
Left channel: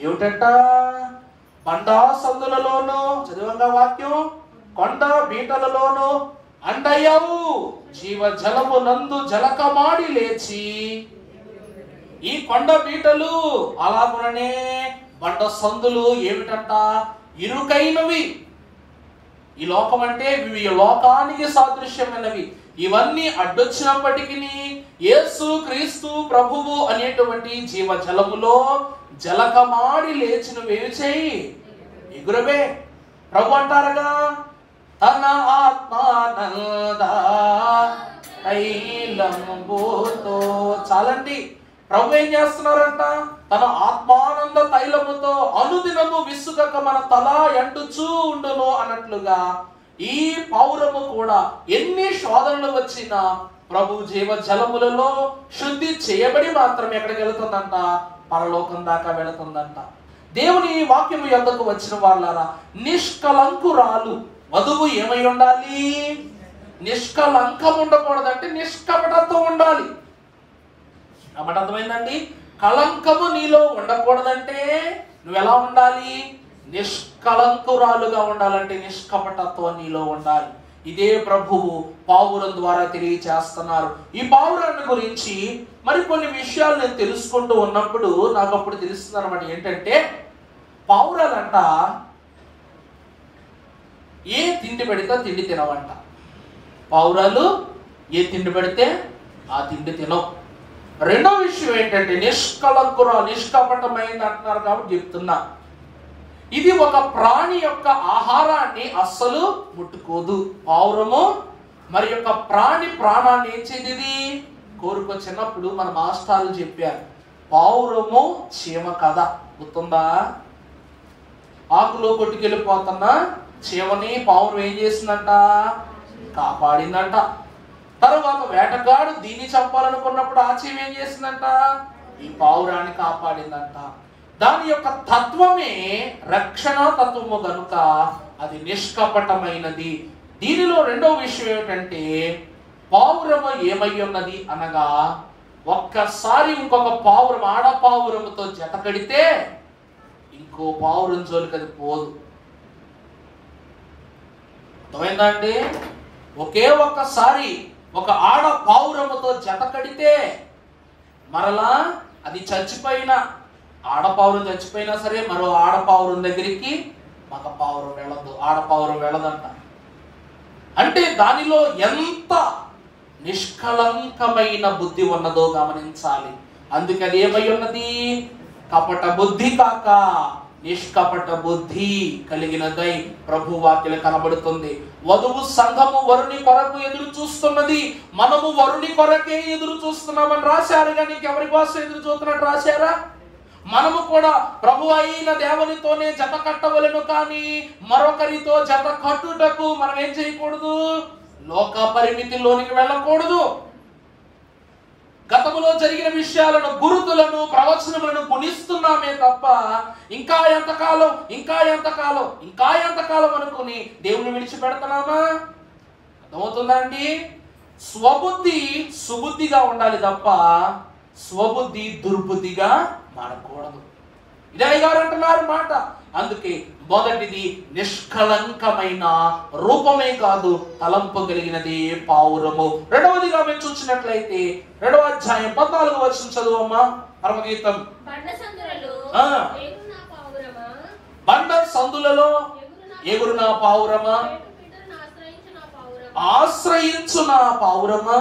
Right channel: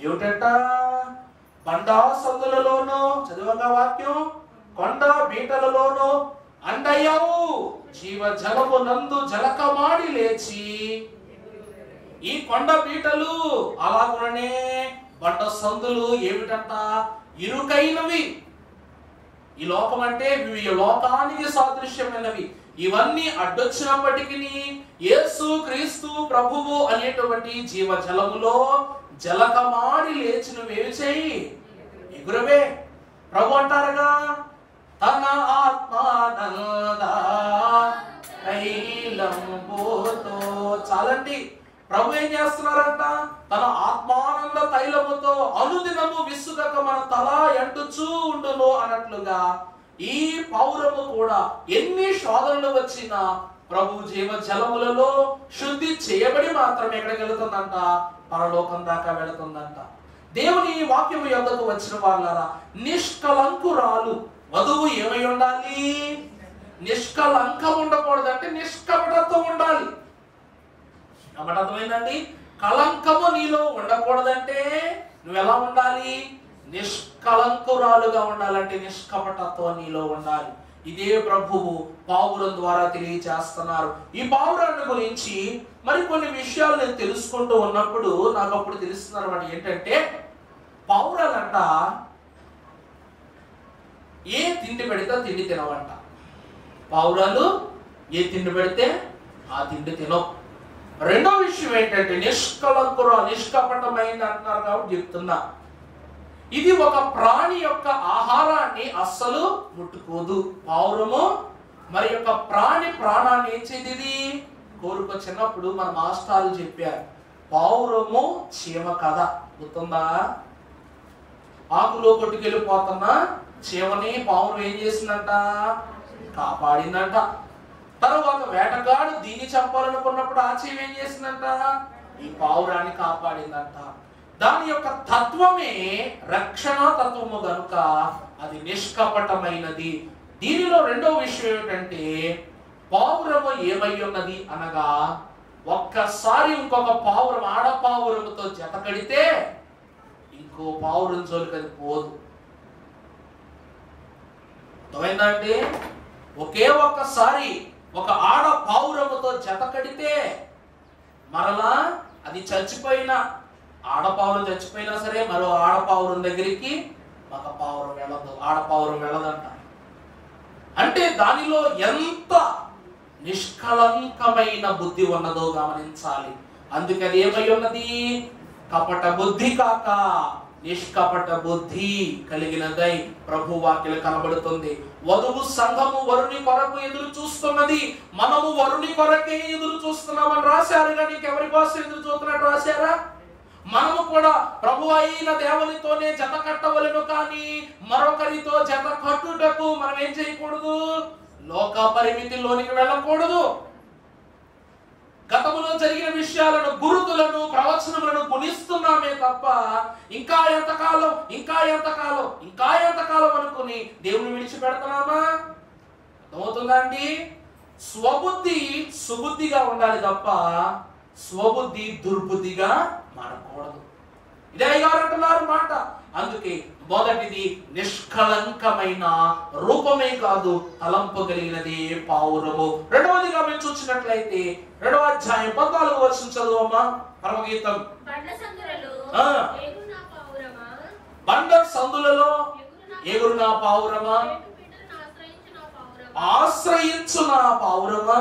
ఏమిటంట? బండా సందులలోను చదువుగా వాక్యం, కొండ బీటలలోను అండయవు జీవ జలము నందు జలకమాడి లేచి. ఈ కొండ బీటలు అలాగుననే బండ సందులు ఏమిటంట? ఇరుకైనవి. ఈ లోకం అంటే ఈ లోకానికి సాదృశ్యమైనవి. ఇవన్నీ అడ్డొచ్చినప్పటికీ యేసు క్రీస్తు ప్రభువు అనేటువంటి జీవ జలములో జలకమాడి లేచిన వేరు చేయి ఎగురవే. ప్రభు అంటారుగా, తన ఆత్మానంద తైలంబుతో. చాలండి, ప్రభు ఏం చేస్తున్నారంట? తన ఆత్మానంద తైలముతో అనుదినము విసుగక మన తల ఎండుచూ ఉండును అన్నట్లుగా ఈ పౌరము కూడా ఎన్ని శోధనలు వచ్చినా ప్రభు జీవ జలములలో శుద్ధి చేయబడి మాత్రమే ఎక్కడికి వెళుతుందంట? పరలోకం దాకా వెళుతుందంట. దేవుని వాక్యము యొద్దకు వచ్చిన వాళ్ళారా, నిష్కలంకురాలు వధువు ఏమై ఉండాలి? నిష్కలంకం ఉండకూడదంటే నిష్కపటత్వం ఉండాలి. కాబట్టి అర్థమైందండి? కలంకము నీలో ఉండకూడదంటే నువ్వెలా ఉండాలి? నిష్కలంకురాలుగా ఉండాలంటే నిష్కపటత్వం నీలో ఉండాలి. ఇదే ప్రభువు పావురం ద్వారా తెలియజేస్తున్నారు. ఈ పావురాన్ని గురించి మరికొన్ని విషయాలు నేను తెలుసుకుంటూ ఉన్నప్పుడు నాకు అప్పుడు తెలుస్తున్నారు అన్నమాట. ఏంటంటే పావురాలంట ఏ తిండి పెడితే తిండి తినవంట. పావురాలు ఏ తిండి పెడితే ఆ తిండి తినవు. రెండో విషయం ఏంటంటే నిష్కపటమైంది అంటున్నారు కాబట్టి చెప్తున్నా, ఇది ఒక ప్రాణి యొక్క ఆహారాన్ని అస్సలు ముట్టుకోదు. పావురము మరి యొక్క ప్రాణి ప్రాణాన్ని ఏం చేయది కోరుకో. చిన్నప్పుడు మన మాస్టర్లు చెప్పారు, పావురము చీమ కదా, గుర్తుందా? ఆకులో కొట్టుకెళ్ళిపోతున్న చీమని పావురం ఏం చేసిందంట? కాపాడిందంట. తర్వాత వేటగాడు దీన్ని చంపాలనుకున్నప్పుడు ఆ చీమ ఏం చేసిందంట? ఈ పావురాన్ని కాపాడిందంట. దాని యొక్క తత్వమే రక్షణ తత్వము గనుక అది నిష్కపటమైనది. దీనిలో రెండో విషయం ఏంటంటే పావురము ఏమై ఉన్నది అనగా, ఒక్కసారి ఇంకొక పావురం ఆడ పావురముతో జత కడితే ఇంకో పావురం జోలికి అది పోదు. అర్థమైందా అండి? ఒకే ఒక్కసారి ఒక ఆడ పావురముతో జత కడితే మరలా అది చచ్చిపోయిన ఆడపావురం చచ్చిపోయినా సరే మరో ఆడపావురం దగ్గరికి మగ పావురం వెళ్ళదు, ఆడపావురం వెళ్ళదంట. అంటే దానిలో ఎంత నిష్కలంకమైన బుద్ధి ఉన్నదో గమనించాలి. అందుకే అది ఏమై ఉన్నది? కపట బుద్ధి కాక నిష్కపట బుద్ధి కలిగినదై ప్రభు వాక్యం కనబడుతుంది. వధువు సంఘము వరుని కొరకు ఎదురు చూస్తున్నది, మనము వరుని కొరకే ఎదురు చూస్తున్నామని రాశారు. కానీ ఎవరి కోసం ఎదురు చూస్తున్నట్టు రాశారా? మనము కూడా ప్రభు అయిన దేవునితోనే జత కట్టవలెను, కానీ మరొకరితో జత కట్టుటకు మనం ఏం చేయకూడదు? లోక పరిమితిలోనికి వెళ్ళకూడదు. గతములో జరిగిన విషయాలను, గురుతులను, ప్రవచనములను గుణిస్తున్నామే తప్ప ఇంకా ఎంతకాలం అనుకుని దేవుని విడిచిపెడుతున్నామా? అర్థమవుతుందా అండి? స్వబుద్ధి సుబుద్ధిగా ఉండాలి తప్ప స్వబుద్ధి దుర్బుద్ధిగా మారకూడదు. ఇదే గారు అంటున్నారు మాట. అందుకే మొదటిది నిష్కలంకమైన రూపమే కాదు, తలంపు కలిగినది పావురము. రెండవదిగా మేము చూసినట్లయితే 2వ అధ్యాయం 14వ వచనం చదువమ్మా. పరమగీతం. బండ సందులలో ఎగురు నా పావురమా, ఆశ్రయించు నా పావురమా.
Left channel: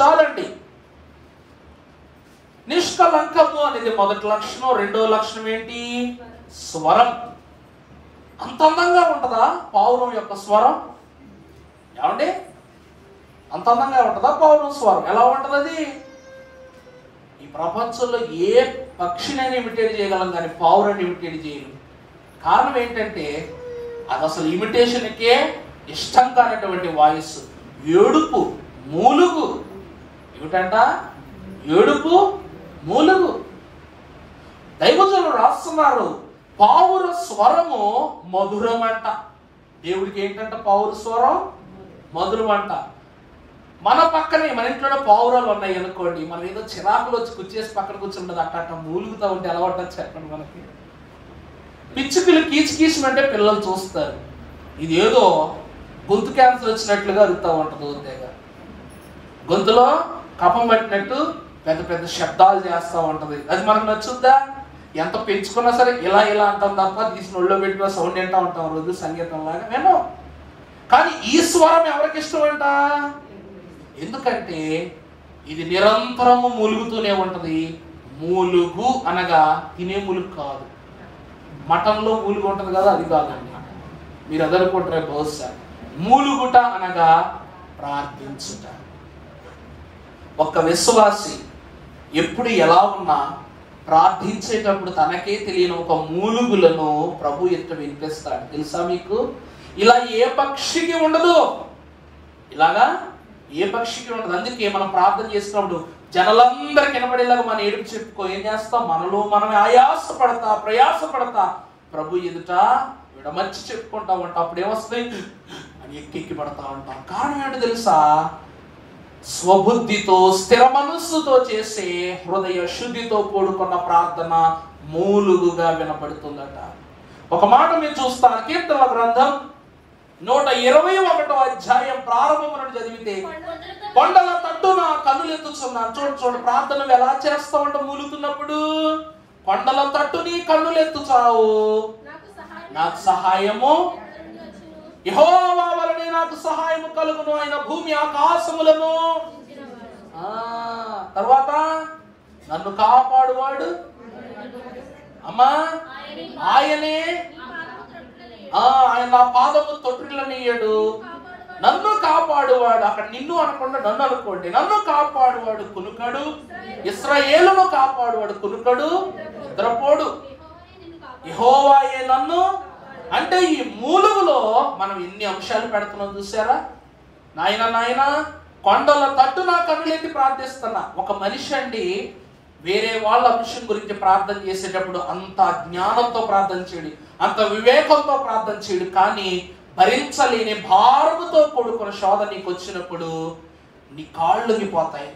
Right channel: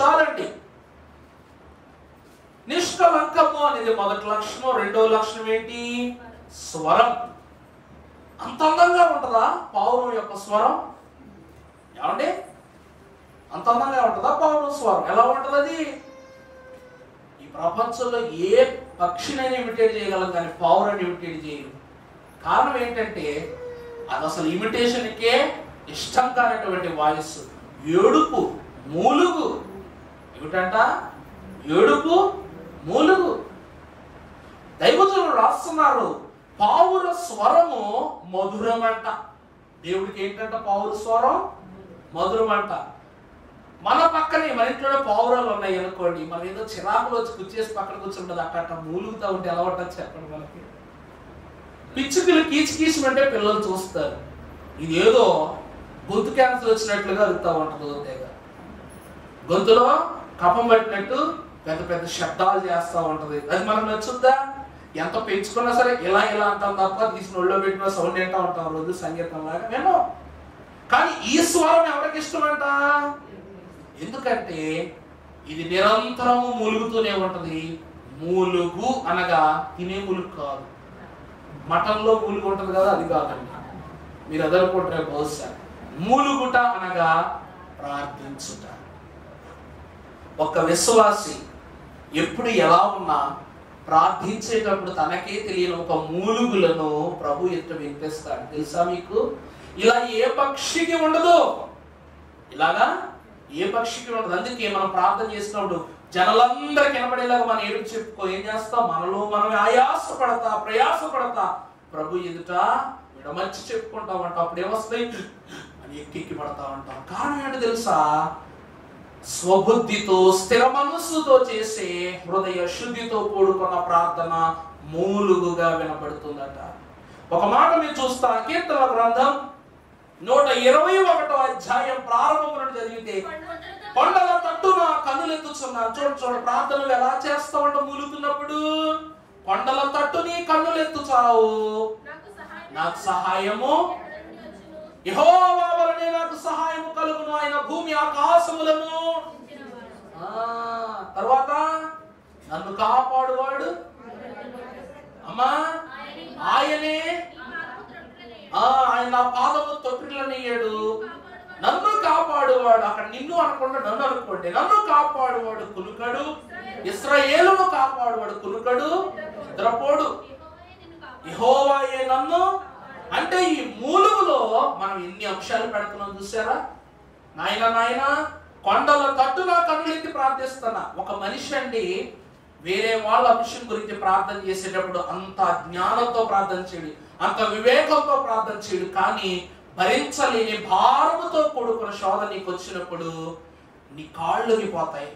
చాలండి. నిష్కలంకము అనేది మొదటి లక్షణం. రెండో లక్షణం ఏంటి? స్వరం. అంత అందంగా ఉంటుందా పావురం యొక్క స్వరం? ఏమండి, అంత అందంగా ఉంటుందా పావురం స్వరం? ఎలా ఉంటది? ఈ ప్రపంచంలో ఏ పక్షినైనా ఇమిటేట్ చేయగలం కానీ పావురాన్ని ఇమిటేట్ చేయలేదు. కారణం ఏంటంటే అది అసలు ఇమిటేషన్కే ఇష్టం కానటువంటి వాయిస్. ఏడుపు, మూలుగు. ఏమిటంట? ఏడుపు, మూలుగు. దైవజనులు రాస్తున్నారు, పావుర స్వరము మధురం అంట. దేవుడికి ఏంటంట? పావుర స్వరం మధురం అంట. మన పక్కనే మన ఇంట్లో పావురాలు ఉన్నాయి అనుకోండి, మనం ఏదో చిరాకులు వచ్చి కూర్చేసి పక్కన కూర్చుంటుంది, అట్ట మూలుగుతా ఉంటే ఎలా ఉంటుంది చెప్పండి. మనకి పిచ్చి పిల్లలు కీచుమంటే పిల్లలు చూస్తారు, ఇది ఏదో గొంతు క్యాన్సర్ వచ్చినట్లుగా అరుతా ఉంటుంది. గొంతులో కఫం పట్టినట్టు పెద్ద పెద్ద శబ్దాలు చేస్తూ ఉంటది. అది మనకు నచ్చుద్దా? ఎంత పెంచుకున్నా సరే ఇలా అంటాం తప్ప తీసిన ఒళ్ళో పెట్టిన సౌండ్ ఏంటా ఉంటాం రోజు సంగీతం లాగా మేము. కానీ ఈ స్వరం ఎవరికి ఇష్టం అంట? ఎందుకంటే ఇది నిరంతరము మూలుగుతూనే ఉంటది. మూలుగు అనగా తినే మూలుగు కాదు, మటన్లో మూలుగు ఉంటది కదా, అది కాదండి. మీరు అదనుకుంటారే బహుశా. మూలుగుట అనగా ప్రార్థించుట. ఒక విశ్వాసి ఎప్పుడు ఎలా ఉన్నా ప్రార్థించేటప్పుడు తనకే తెలియని ఒక మూలుగులను ప్రభు ఎదుట వినిపిస్తాడు. తెలుసా మీకు? ఇలా ఏ పక్షికి ఉండదు, ఇలాగా ఏ పక్షికి ఉండదు. అందుకే మనం ప్రార్థన చేసినప్పుడు జనాలందరికి వినపడేలాగా మన ఏడుపు చెప్పుకో. ఏం చేస్తాం? మనలో మనం ఆయాసపడతా ప్రయాసపడతా ప్రభు ఎదుట విడమర్చి చెప్పుకుంటామంట. అప్పుడు ఏమొస్తాయి అని ఎక్కి పడతా ఉంటాం. కారణం ఏంటో తెలుసా? స్వబుద్ధితో స్థిర మనస్సుతో చేసే హృదయ శుద్ధితో కూడుకున్న ప్రార్థన మూలుగుగా వినపడుతుందట. ఒక మాట మీరు చూస్తారు, కీర్తన గ్రంథం 121వ అధ్యాయం ప్రారంభం నుండి చదివితే, కొండల తట్టున కన్నులెత్తుచున్నాను. చూడు ప్రార్థనలు ఎలా చేస్తావంట మూలుగుతున్నప్పుడు. కొండల తట్టు నీ కన్నులెత్తుచావు, నాకు సహాయము యెహోవా వలనే నాకు సహాయము కలుగును, ఆయన భూమి ఆకాశములను. తర్వాత నన్ను కాపాడువాడు అమ్మా ఆయనే, ఆయన నా పాదము తొట్టిల్లనియ్యడు. నన్ను కాపాడువాడు, అక్కడ నిన్ను అనుకోండి నన్ను అనుకోండి, నన్ను కాపాడువాడు కునుకడు, ఇశ్రాయేలును కాపాడువాడు కునుకడు నిద్రపోడు, యెహోవాయే నన్ను. అంటే ఈ మూలుగులో మనం ఎన్ని అంశాలు పెడుతున్నాం చూసారా? నాయన కొండల తట్టు నా కన్నులెత్తి ప్రార్థిస్తున్నా. ఒక మనిషి అండి వేరే వాళ్ళ అంశం గురించి ప్రార్థన చేసేటప్పుడు అంత జ్ఞానంతో ప్రార్థన చేయడు, అంత వివేకంతో ప్రార్థన చేయడు. కానీ భరించలేని భారముతో కూడుకున్న శోధ నీకు వచ్చినప్పుడు నీ కాళ్ళు వంగిపోతాయి,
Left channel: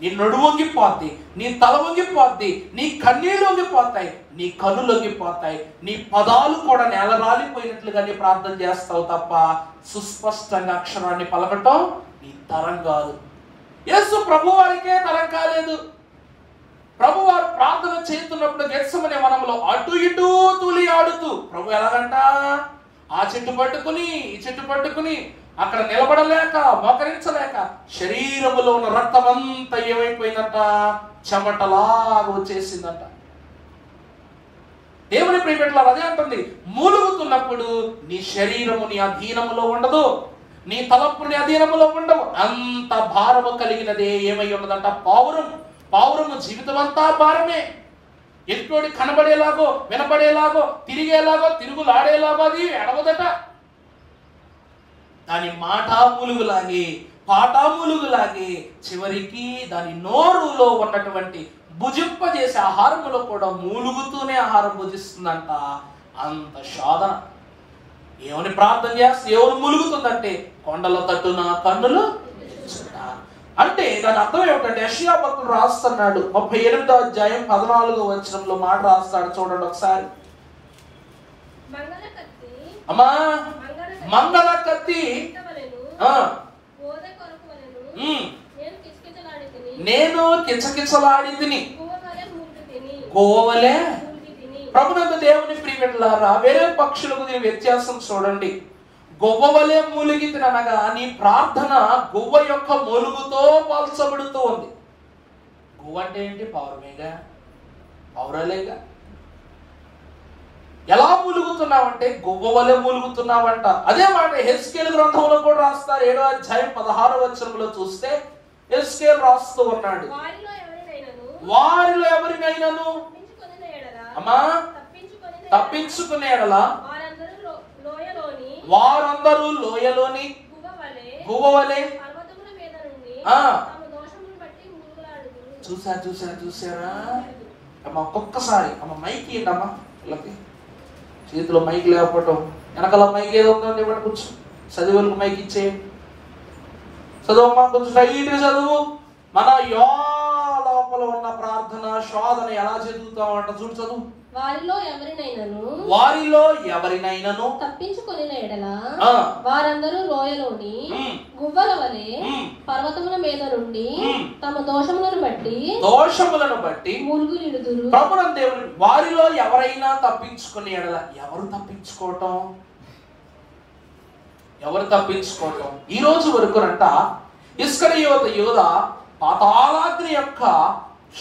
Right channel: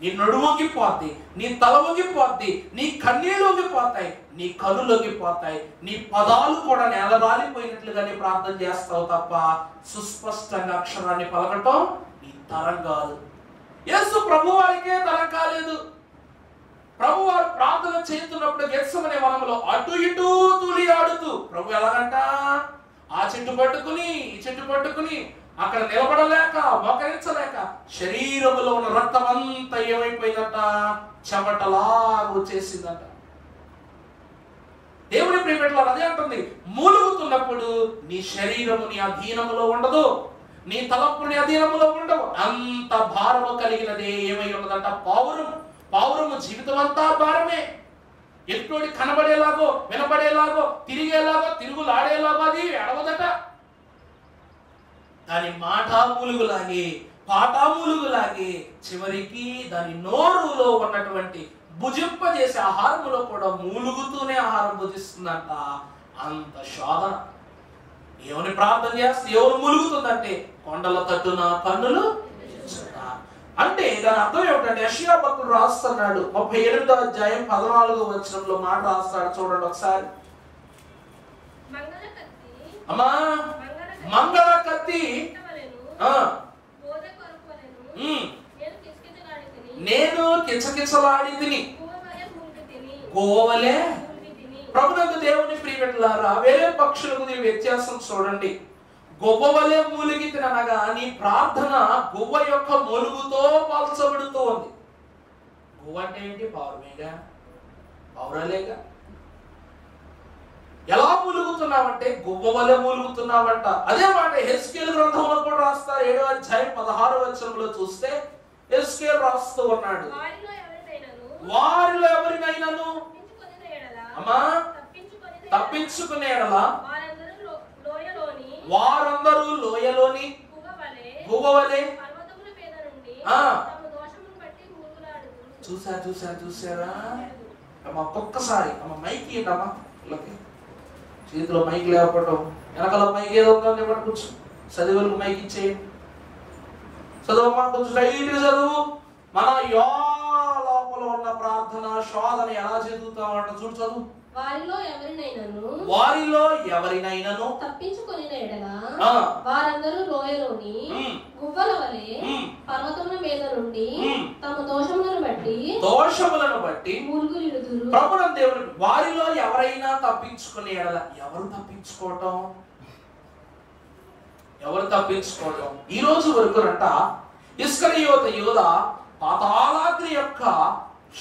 నీ నడుము వంగిపోద్ది, నీ తల వంగిపోద్ది, నీ కన్నీళ్లు వంగిపోతాయి, నీ కళ్ళు వంగిపోతాయి, నీ పదాలు కూడా నేలరాలిపోయినట్లుగా నీ ప్రార్థన చేస్తావు తప్ప సుస్పష్టంగా అక్షరాన్ని పలకటం నీ తరం కాదు. యేసు ప్రభు వారికే తరం కాలేదు. ప్రభు వారు ప్రార్థన చేస్తున్నప్పుడు గెత్సెమనే వనంలో అటు ఇటు తూలి ఆడుతూ ప్రభు ఎలాగంట ఆ చెట్టు పట్టుకుని ఈ చెట్టు పట్టుకుని అక్కడ నిలబడలేక మోకరించలేక శరీరములో ఉన్న రక్తం అంతా ఏమైపోయిందంట, చెమటలాగా వచ్చేసిందంట. దేవుని ప్రియమిత్రులారా, అదే అంటుంది, మూలుగుతున్నప్పుడు నీ శరీరము నీ అధీనములో ఉండదు, నీ తలపు నీ అధీనములో ఉండవు. అంత భారము కలిగినదే ఏమై ఉన్నదంట? పావురం. పావురము జీవితం అంతా భారమే. ఎట్టోడి కనబడేలాగో వినబడేలాగో తిరిగేలాగో తిరుగులాడేలాగో అది ఎడవదట. దాని మాట మూలుగులాగే పాట మూలుగులాగే చివరికి దాని నోరులో ఉన్నటువంటి భుజింపజేసే ఆహారములో కూడా మూలుగుతూనే ఆహారం భుజిస్తుందంట. అంత శోధన. ఏమని ప్రార్థన చేస్తే ఎవరు మూలుగుతుందంటే కొండల తట్టున కన్నులు. అంటే దాని అర్థం ఏమిటంటే యెషయా భక్తుడు రాస్తున్నాడు 38వ అధ్యాయం 14వ వచనంలో మాట రాస్తాడు. చూడండి ఒకసారి. అమ్మా మంగళ కత్తి నేను కిచకిచలాడి తిని గోవలే. ప్రభునందు దేవుని ప్రియమిత్రులారా, వేరే పక్షులకు దీని వ్యత్యాసం చూడండి. గొవ్వవలే మూలిగితి అనగా నీ ప్రార్థన గువ్వ యొక్క మూలుగుతో పోల్చబడుతూ ఉంది. గువ్వ అంటే ఏంటి? పౌరమేగా, పౌరలేగా. ఎలా మూలుగుతున్నావంటే గువ్వవలే మూలుగుతున్నావంట. అదే మాట హెస్కేలు గ్రంథంలో కూడా రాస్తారు. 7వ అధ్యాయం 16వ వచనంలో చూస్తే హెస్కేలు రాస్తూ ఉన్నాడు, వారిలో ఎవరినైనాను అమ్మా తప్పించుకునే ఎడల వారందరూ లోయలోని గువ్వవలే. చూసారా అమ్మ? ఒక్కొక్కసారి అమ్మ మైక్ ఇవ్వమ్మా, చేతిలో మైక్ లేకపోవటం, వెనకాల మైక్ ఏదో ఉందండి, ఇవ్వండి కొంచెం చదివులకు మైక్ ఇచ్చేయండి. చదువమ్మా, కొంచెం టైట్గా చదువు. మన లోపల ఉన్న ప్రార్థన శోధన ఎలా చదువుతామంట చూడు, చదువు. వారిలో ఎవరినైనాను తప్పించుకొనిన ఎడల వారందరూ లోయలోని గువ్వల వలె పర్వతముల మీద నుండి తమ దోషములను బట్టి మూలుగులిడుదురు. ప్రభువు దేవుని వారిలో ఎవరైనా తప్పించుకునే ఎడల. ఎవరు తప్పించుకోవటం? ఈ రోజు వరకునంట ఇస్కరియోతు యూద పాతాళాగ్ని యొక్క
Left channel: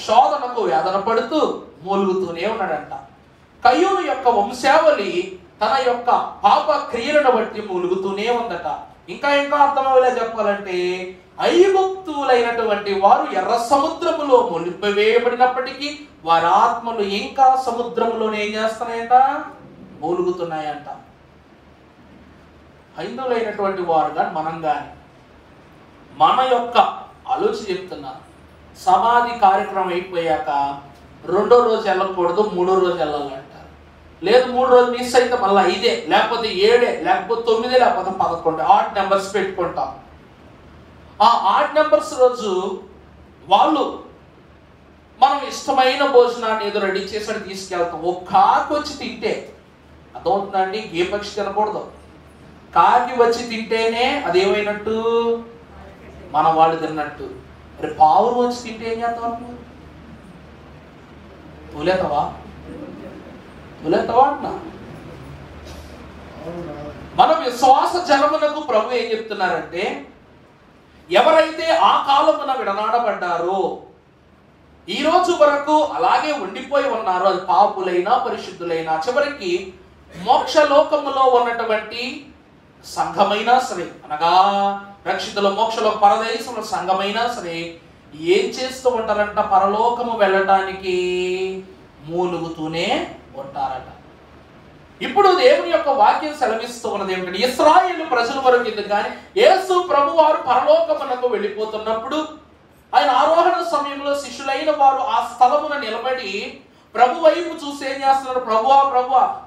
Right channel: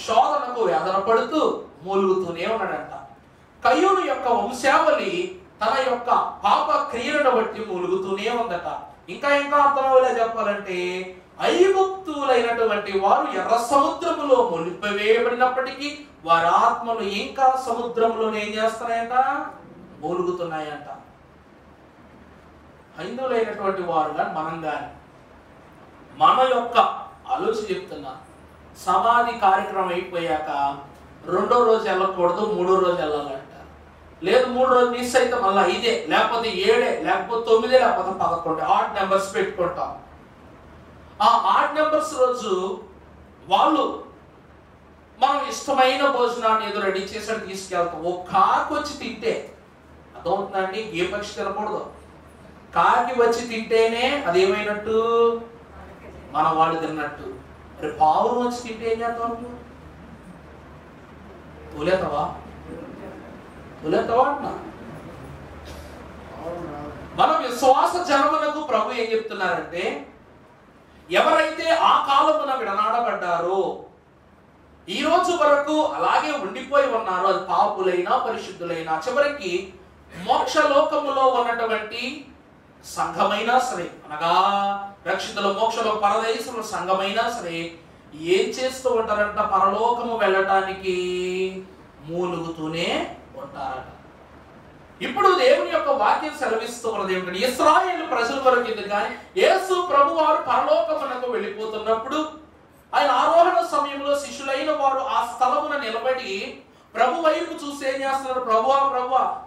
శోధనకు వేదన పడుతూ మూలుగుతూనే ఉన్నాడంట. కయ్యూను యొక్క వంశావళి తన యొక్క పాప క్రియలను బట్టి మూలుగుతూనే ఉందట. ఇంకా అర్థమయ్యేలా చెప్పాలంటే, ఐగుప్తులైనటువంటి వారు ఎర్ర సముద్రములో మునిపివేయబడినప్పటికీ వారి ఆత్మలు ఇంకా సముద్రములోనే ఏం చేస్తున్నాయంట? మూలుగుతున్నాయంట. హైందువులైనటువంటి వారుగా మనం గాని మన యొక్క ఆలోచన చెప్తున్నా, సమాధి కార్యక్రమం అయిపోయాక 2వ రోజు వెళ్ళకూడదు, 3వ రోజు వెళ్ళాలంట. లేదు 3 రోజులు మిస్ అయితే మళ్ళీ 5, లేకపోతే 7, లేకపోతే 9, లేకపోతే 11 ఆడ్ నెంబర్స్ పెట్టుకుంటాం. ఆ ఆడ్ నెంబర్స్ రోజు వాళ్ళు మనం ఇష్టమైన భోజనాన్ని ఏదో రెడీ చేసాడు తీసుకెళ్తాం. ఓ కాకి వచ్చి తింటే అర్థమవుతుందండి, ఏ పక్షి తినకూడదు. కాకి వచ్చి తింటేనే అదేమైనట్టు? మన వాళ్ళు తిన్నట్టు. మరి పావును వచ్చి తింటే ఏం చేస్తాం? తోలేతావా అన్నా? మన విశ్వాస జనమునకు ప్రభు ఏం చెప్తున్నారంటే, ఎవరైతే ఆ కాలమున విడనాడబడ్డారో, ఈ రోజు వరకు అలాగే ఉండిపోయి ఉన్నారో, అది పాపులైనా పరిశుద్ధులైనా, చివరికి మోక్షలోకములో ఉన్నటువంటి సంఘమైనా సరే, అనగా రక్షితుల మోక్షలో పరదేశంలో సంఘమైనా సరే, ఏం చేస్తూ ఉంటారంట? పరలోకము వెళ్ళటానికి మూలుగుతూనే ఉంటారట. ఇప్పుడు దేవుని యొక్క వాక్యం సెలవిస్తూ ఉన్నది ఏమిటంటే, ఇశ్రాయేలు ప్రజల వరకు ఇది కానీ యేసు ప్రభు వారు పరలోకమునకు వెళ్ళిపోతున్నప్పుడు ఆయన ఆరోహణ సమయంలో శిష్యులైన వారు ఆ స్థలమున నిలబడి ప్రభు వైపు చూసి ఏం చేస్తున్నారు? ప్రభువా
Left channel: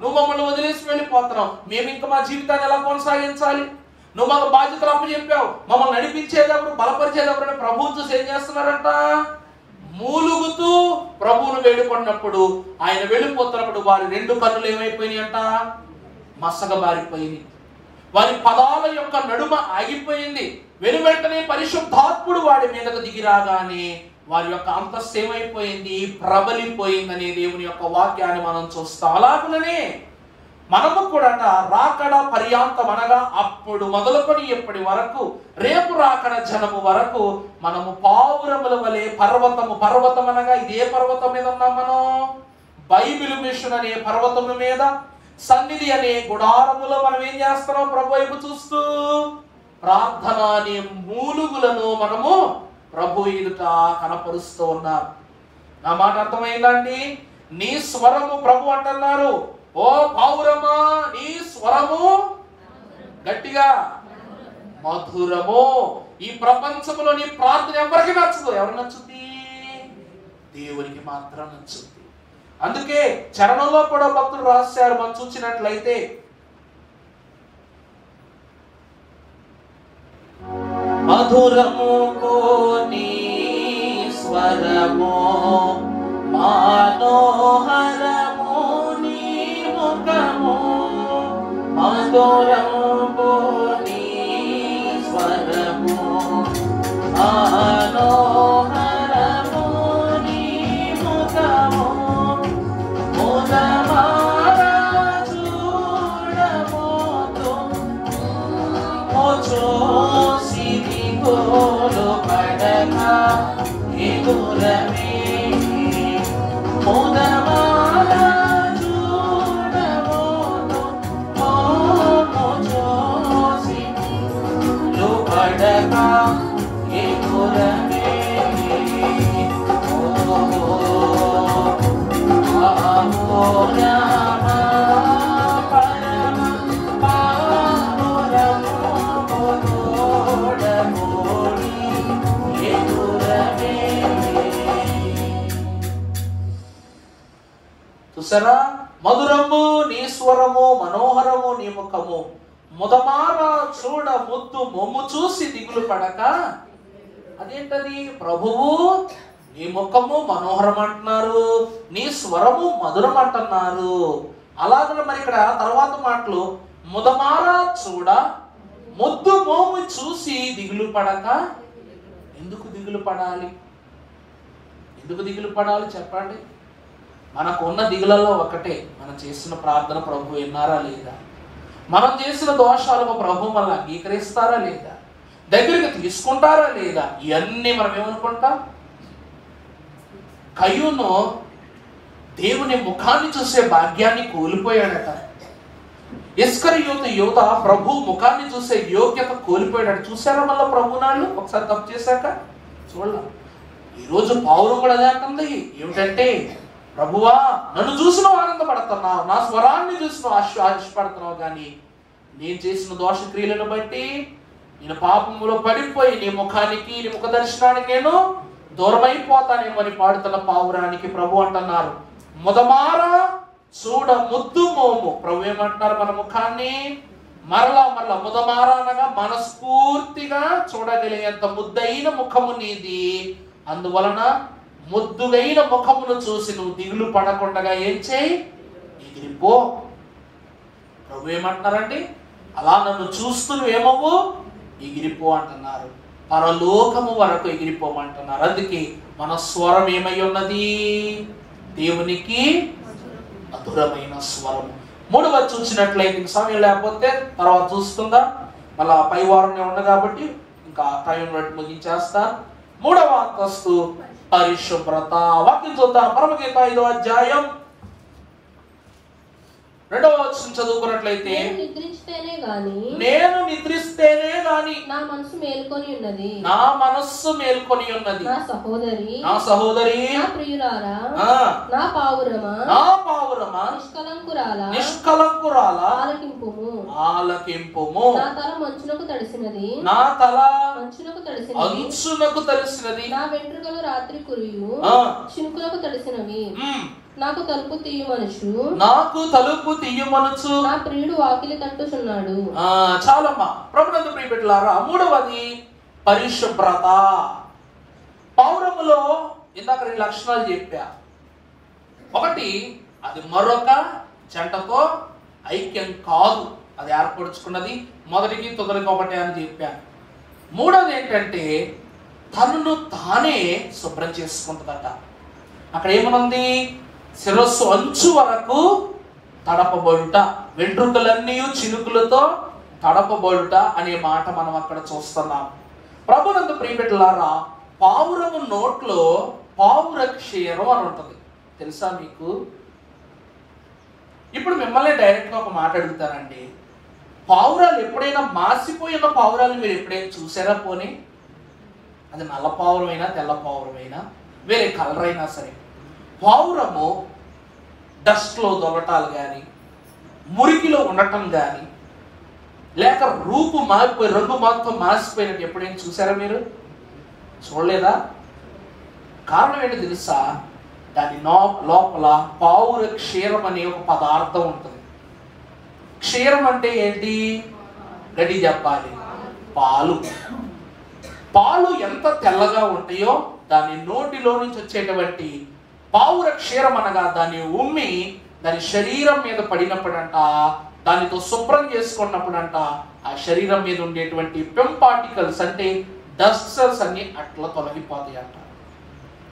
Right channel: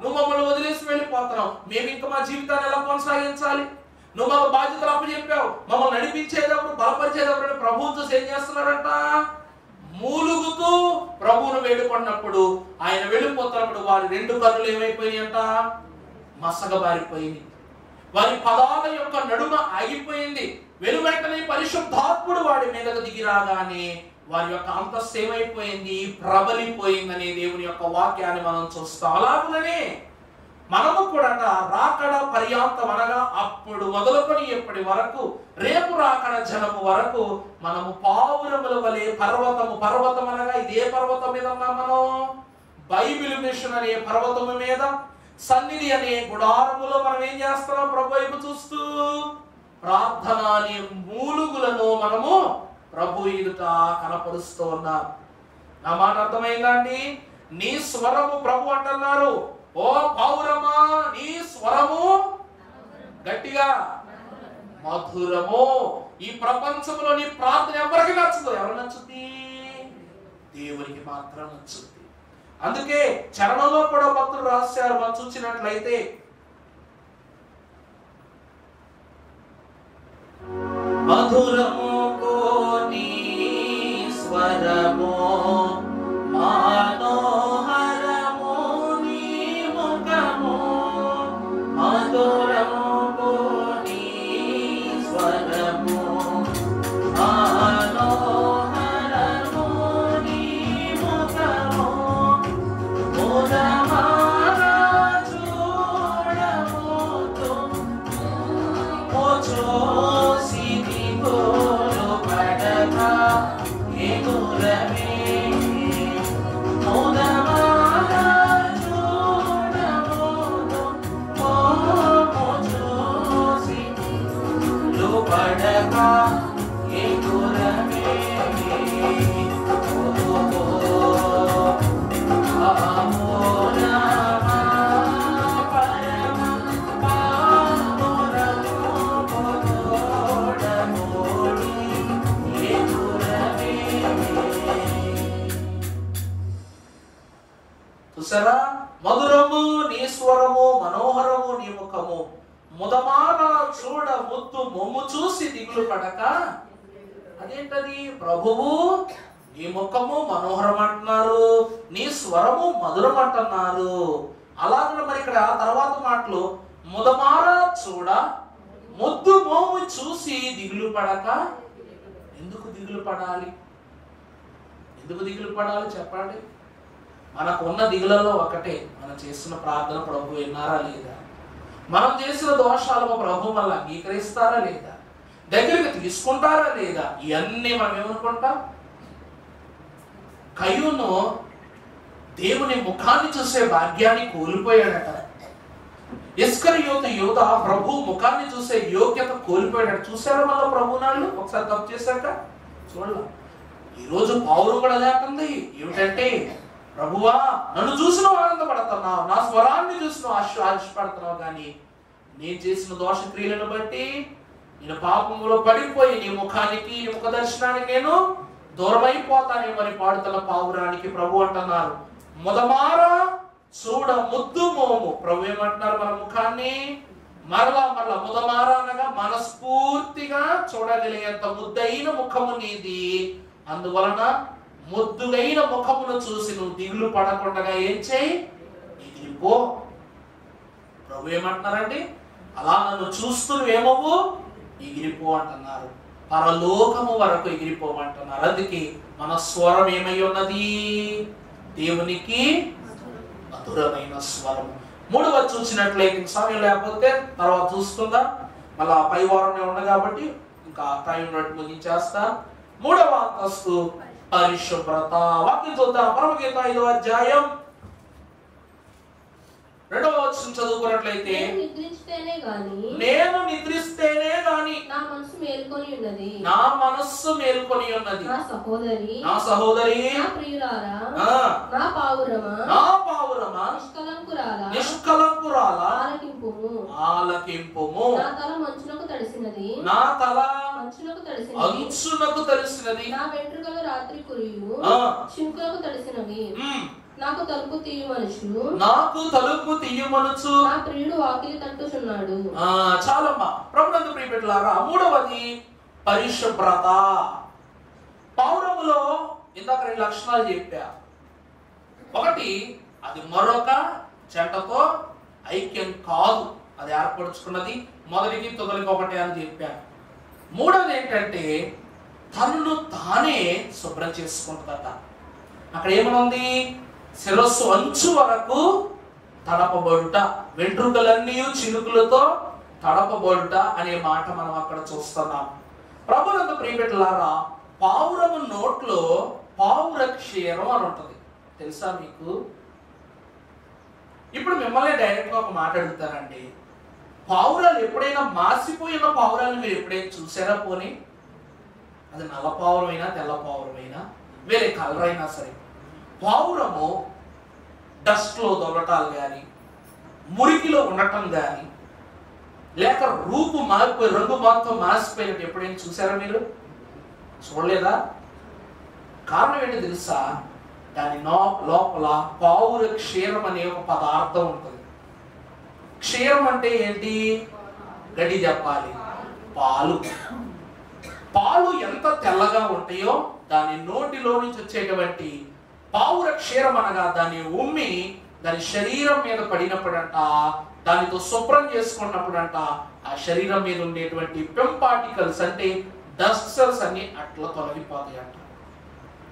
నువ్వు మమ్మల్ని వదిలేసి వెళ్ళిపోతున్నావు, మేము ఇంకా మా జీవితాన్ని ఎలా కొనసాగించాలి? నువ్వు మాకు బాధ్యతలు అప్పచెప్పావు, మమ్మల్ని నడిపించేటప్పుడు బలపరిచేటప్పుడు ప్రభువు చూసి ఏం చేస్తున్నారంట? మూలుగుతూ ప్రభువును వేడుకున్నప్పుడు, ఆయన వెళ్ళిపోతున్నప్పుడు వారి 2 కన్నులు ఏమైపోయినాయంట? మసకబారిపోయింది. వారి పదాల యొక్క నడుమ ఆగిపోయింది. వెనువెంటనే పరిశుద్ధాత్ముడు వాడి మీదకు దిగి రాగానే వారి యొక్క అంతస్తు ఏమైపోయింది? ప్రబలిపోయిందని దేవుని యొక్క వాక్యాన్ని మనం చూస్తాం. అలాగనే మనము కూడా రాకడ పర్యాంతం, అనగా అప్పుడు మొదలుకొని ఎప్పటి వరకు, రేపు రాకడ జనము వరకు మనము పావురముల వలె పర్వతం అనగా ఇదే పర్వతం మీద ఉన్నాం మనం. బైబిల్ మిషన్ అనే పర్వతము మీద, సన్నిధి అనే గుడారములో మనం ఏం చేస్తున్నాం? ప్రభు వైపు చూస్తూ ప్రార్థన అనే మూలుగులను మనము ప్రభు ఎదుట కనపరుస్తూ ఉన్నారు. నా మాట అర్థమైందా అండి? నీ స్వరము ప్రభు అంటున్నారు, ఓ పావురమా నీ స్వరము గట్టిగా మధురము. ఈ ప్రపంచంలో నీ ప్రార్థన ఎవరికి నచ్చదు? ఎవరు నచ్చుద్ది? దేవునికి మాత్రం నచ్చుద్ది. అందుకే చరణంలో కూడా భక్తులు రాశారు, మనం చూసినట్లయితే, మధురము నీ స్వరము, మనోహరము నీ ముఖము, మధురము నీ స్వరము, మనోహరము నీ ముఖము, ముదమారా చూడబోతు చూసిది తోలు పడక ఎదురమే, ముదమారా చూడబోతు చూసిది తోలు పడక ఎదురమే. చూసారా? మధురము నీ స్వరము, మనోహరము నీ ముఖము, ముదమార చూడ ముద్దు మొమ్ము చూసి దిగులు పడక. అదేంటది? ప్రభువు నీ ముఖము మనోహరం అంటున్నారు, నీ స్వరము మధురం అంటున్నారు. అలాగే మరి ఇక్కడ తర్వాత మాటలు, ముదమార చూడ ముద్దు మోము చూసి దిగులు పడక. ఎందుకు దిగులు పడాలి? ఎందుకు దిగులు పడాలి చెప్పండి? మనకు ఉన్న దిగులలో ఒకటే, మనం చేసిన ప్రార్థన ప్రభు విన్నారా లేదా, మనం చేసిన దోషాలను ప్రభు మనల్ని అంగీకరిస్తారా లేదా, దగ్గరికి తీసుకుంటారా లేదా, ఇవన్నీ మనం ఏమనుకుంటాం? కయ్యూను దేవుని ముఖాన్ని చూసే భాగ్యాన్ని కోల్పోయాడట. ఇస్కరియోతు యూదా ప్రభు ముఖాన్ని చూసే యోగ్యత కోల్పోయాడు. చూసారా మళ్ళా ప్రభు నాళ్ళు ఒకసారి తప్పు చేశాక చూడాలి. ఈరోజు పౌరు కూడా అదే అంటుంది, ఏమిటంటే ప్రభువా నన్ను చూసి నువ్వు ఆనందపడుతున్నావు, నా స్వరాన్ని చూసి నువ్వు ఆశపడుతున్నావు, కానీ నేను చేసిన దోష క్రియలను బట్టి నేను పాపములో పడిపోయి నీ ముఖానికి నీ ముఖ దర్శనానికి నేను దూరమైపోతానేమో అని పాడుతున్న పావురానికి ప్రభు అంటున్నారు, ముదమారా చూడ ముద్దు మోము. ప్రభు ఏమంటున్నారు, మన ముఖాన్ని మరలా మరలా ముదమారా అనగా మనస్ఫూర్తిగా చూడగలిగేంత ముద్దైన ముఖము నీది, అందువలన ముద్దుగైన ముఖమును చూసి నువ్వు దిగులు పడకుండా ఏం చేయి, ఎగిరిపో. ప్రభు ఏమంటున్నారండి, అలా నన్ను చూస్తూ ఏమవు ఎగిరిపో అంటున్నారు, పరలోకము వరకు ఎగిరిపోమంటున్నారు. అందుకే మన స్వరం ఏమై ఉన్నది, దేవునికి మధురమైన స్వరం. మూడవ చూసినట్లయితే సమయం లేకపోతే తర్వాత చూస్తుందా, మళ్ళా పై వారంలో ఉంది కాబట్టి ఇంకా టైం ముగించేస్తా. మూడవ అంతస్తు పరిశుభ్రత. వాక్యం చూద్దాం. పరమగీత 5వ అధ్యాయం 2వ వచనం చదువుకున్నట్లయితే, నేను నిద్రిస్తేనే గాని నా మనస్సు మేల్కొని ఉన్నది, నా మనస్సు మేల్కొని ఉన్నది, నా సహోదరి నా సహోదరి, నా ప్రియురాలా, నా పావురమా, నా పావురమా, నిష్కలంకురాలా, నిష్కలంకురాలా, ఆలకింపుము, ఆలకింపుము. నా తల మంచునకు తడిసినది, నా తల మంచునకు తడిసినది, అంచునకు తడిసినది, నా వెంట్రుకలు రాత్రి కురియు చినుకులకు తడిసినవి, నాకు తలుపు తీయమనుచు, నాకు తలుపు తీయమనుచు, నా ప్రియుడు వాకిలి తట్టుచున్నాడు. చాలమ్మా ప్రభునందు ప్రియబిడ్డలారా, మూడవది పరిశుభ్రత. పౌరములో ఇందాక 2 లక్షణాలు చెప్పా. ఒకటి, అది మరొక జంటతో ఐక్యం కాదు, అది ఏర్పరుచుకున్నది. మొదటికి తొదరికి ఒకటే అని చెప్పాను. మూడవది ఏంటంటే తనను తానే శుభ్రం చేసుకుంటుందట. అక్కడ ఏమనుంది, శిరస్సు అంచు వరకు తడపబడుట, వెంట్రుకలన్నీ చినుకులతో తడపబడుట అనే మాట మనం అక్కడ చూస్తున్నాం. ప్రభునందు ప్రియబిడ్డలారా, పావురము నోట్లో పావుర క్షీరం అని ఉంటుంది, తెలుసా మీకు? ఇప్పుడు మిమ్మల్ని డైరెక్ట్ గా ఒక మాట అడుగుతారండి, పావురాలు ఎప్పుడైనా మాసిపోయిన పావురాలు మీరు ఎప్పుడైనా చూసారా? పోనీ అది నల్ల పావురమైనా తెల్ల పావురమైనా వేరే కలర్ అయినా సరే, పావురము డస్ట్ లో దొరటాలు కానీ మురికిలో ఉండటం కానీ లేక రూపు మారిపోయి రంగు మొత్తం మాసిపోయినట్టు ఎప్పుడైనా చూసారా మీరు? చూడలేదా? కారణం ఏంటి తెలుసా? దాని లోపల పావుర క్షీరం అనే ఒక పదార్థం ఉంటుంది. క్షీరం అంటే ఏంటి? గడి చెప్పాలి, పాలు. పాలు ఎంత తెల్లగా ఉంటాయో దాని నోటిలో నుంచి వచ్చేటువంటి పావుర క్షీరం అనగా దాన్ని ఉమ్మి దాని శరీరం మీద పడినప్పుడంట, దానితో శుభ్రం చేసుకున్నప్పుడంట, ఆ శరీరం మీద ఉండేటువంటి పెమ్ పార్టికల్స్ అంటే డస్ట్ సెల్స్ అన్ని అట్లా తొలగిపోతాయి అంట.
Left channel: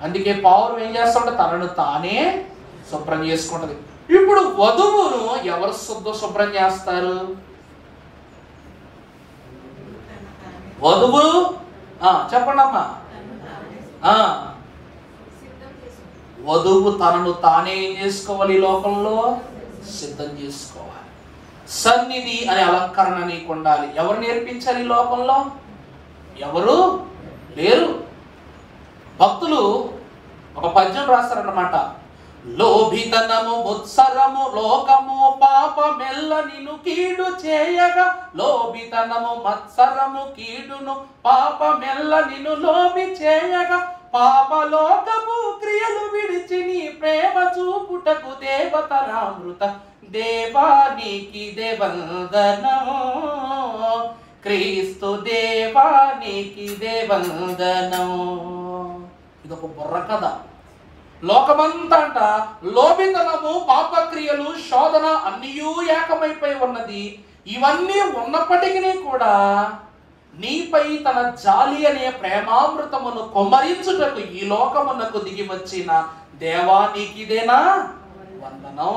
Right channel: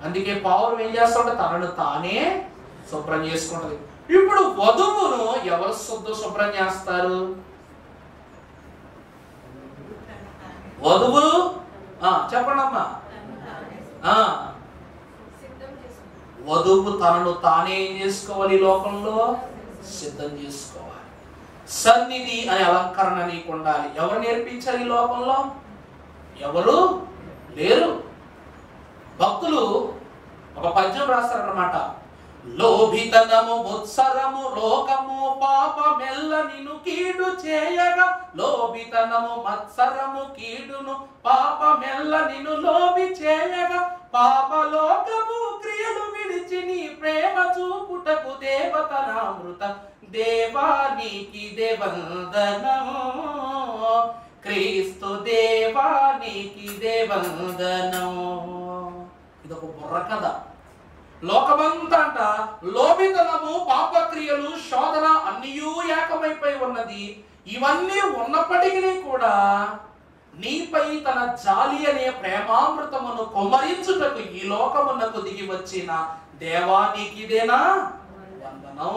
అందుకే పావురం ఏం చేస్తాడు? తనను తానే శుభ్రం చేసుకుంటది. ఇప్పుడు వధువును ఎవరు శుభ్రం చేస్తారు? వధువు చెప్పండి అమ్మా. వధువు తనను తానే ఏం చేసుకోవాలి? లోకంలో సిద్ధం చేసుకోవాలి. సన్నిధి అనే అలంకరణ నీకు ఉండాలి. ఎవరు నేర్పించాలి? లోకంలో ఎవరు లేరు. భక్తులు ఒక పద్యం రాస్తారన్నమాట. లోభితనము ముత్సరము లోకము పాపమెల్ల నిన్ను కీడు చేయగా, లోభితనము మత్సరము కీడును పాపమెల్ల నిన్ను లోబి చేయగా, పాపలోకము క్రియలు విడిచి నీ ప్రేమ చూపుటకు దేవతనామృత దేవానికి దేవందనము, క్రీస్తు దేవానికి దేవందనము. ఇదొక బుర్ర కథ. లోకమంతా అంట లోభితనము పాపక్రియలు శోధన అన్నీయూ ఏకమైపోయి ఉన్నది. ఇవన్నీ ఉన్నప్పటికీ కూడా నీపై తన జాలి అనే ప్రేమామృతమును కొమరించుటకు ఈ లోకమునకు దిగి వచ్చిన దేవా నీకిదేనా వందనం.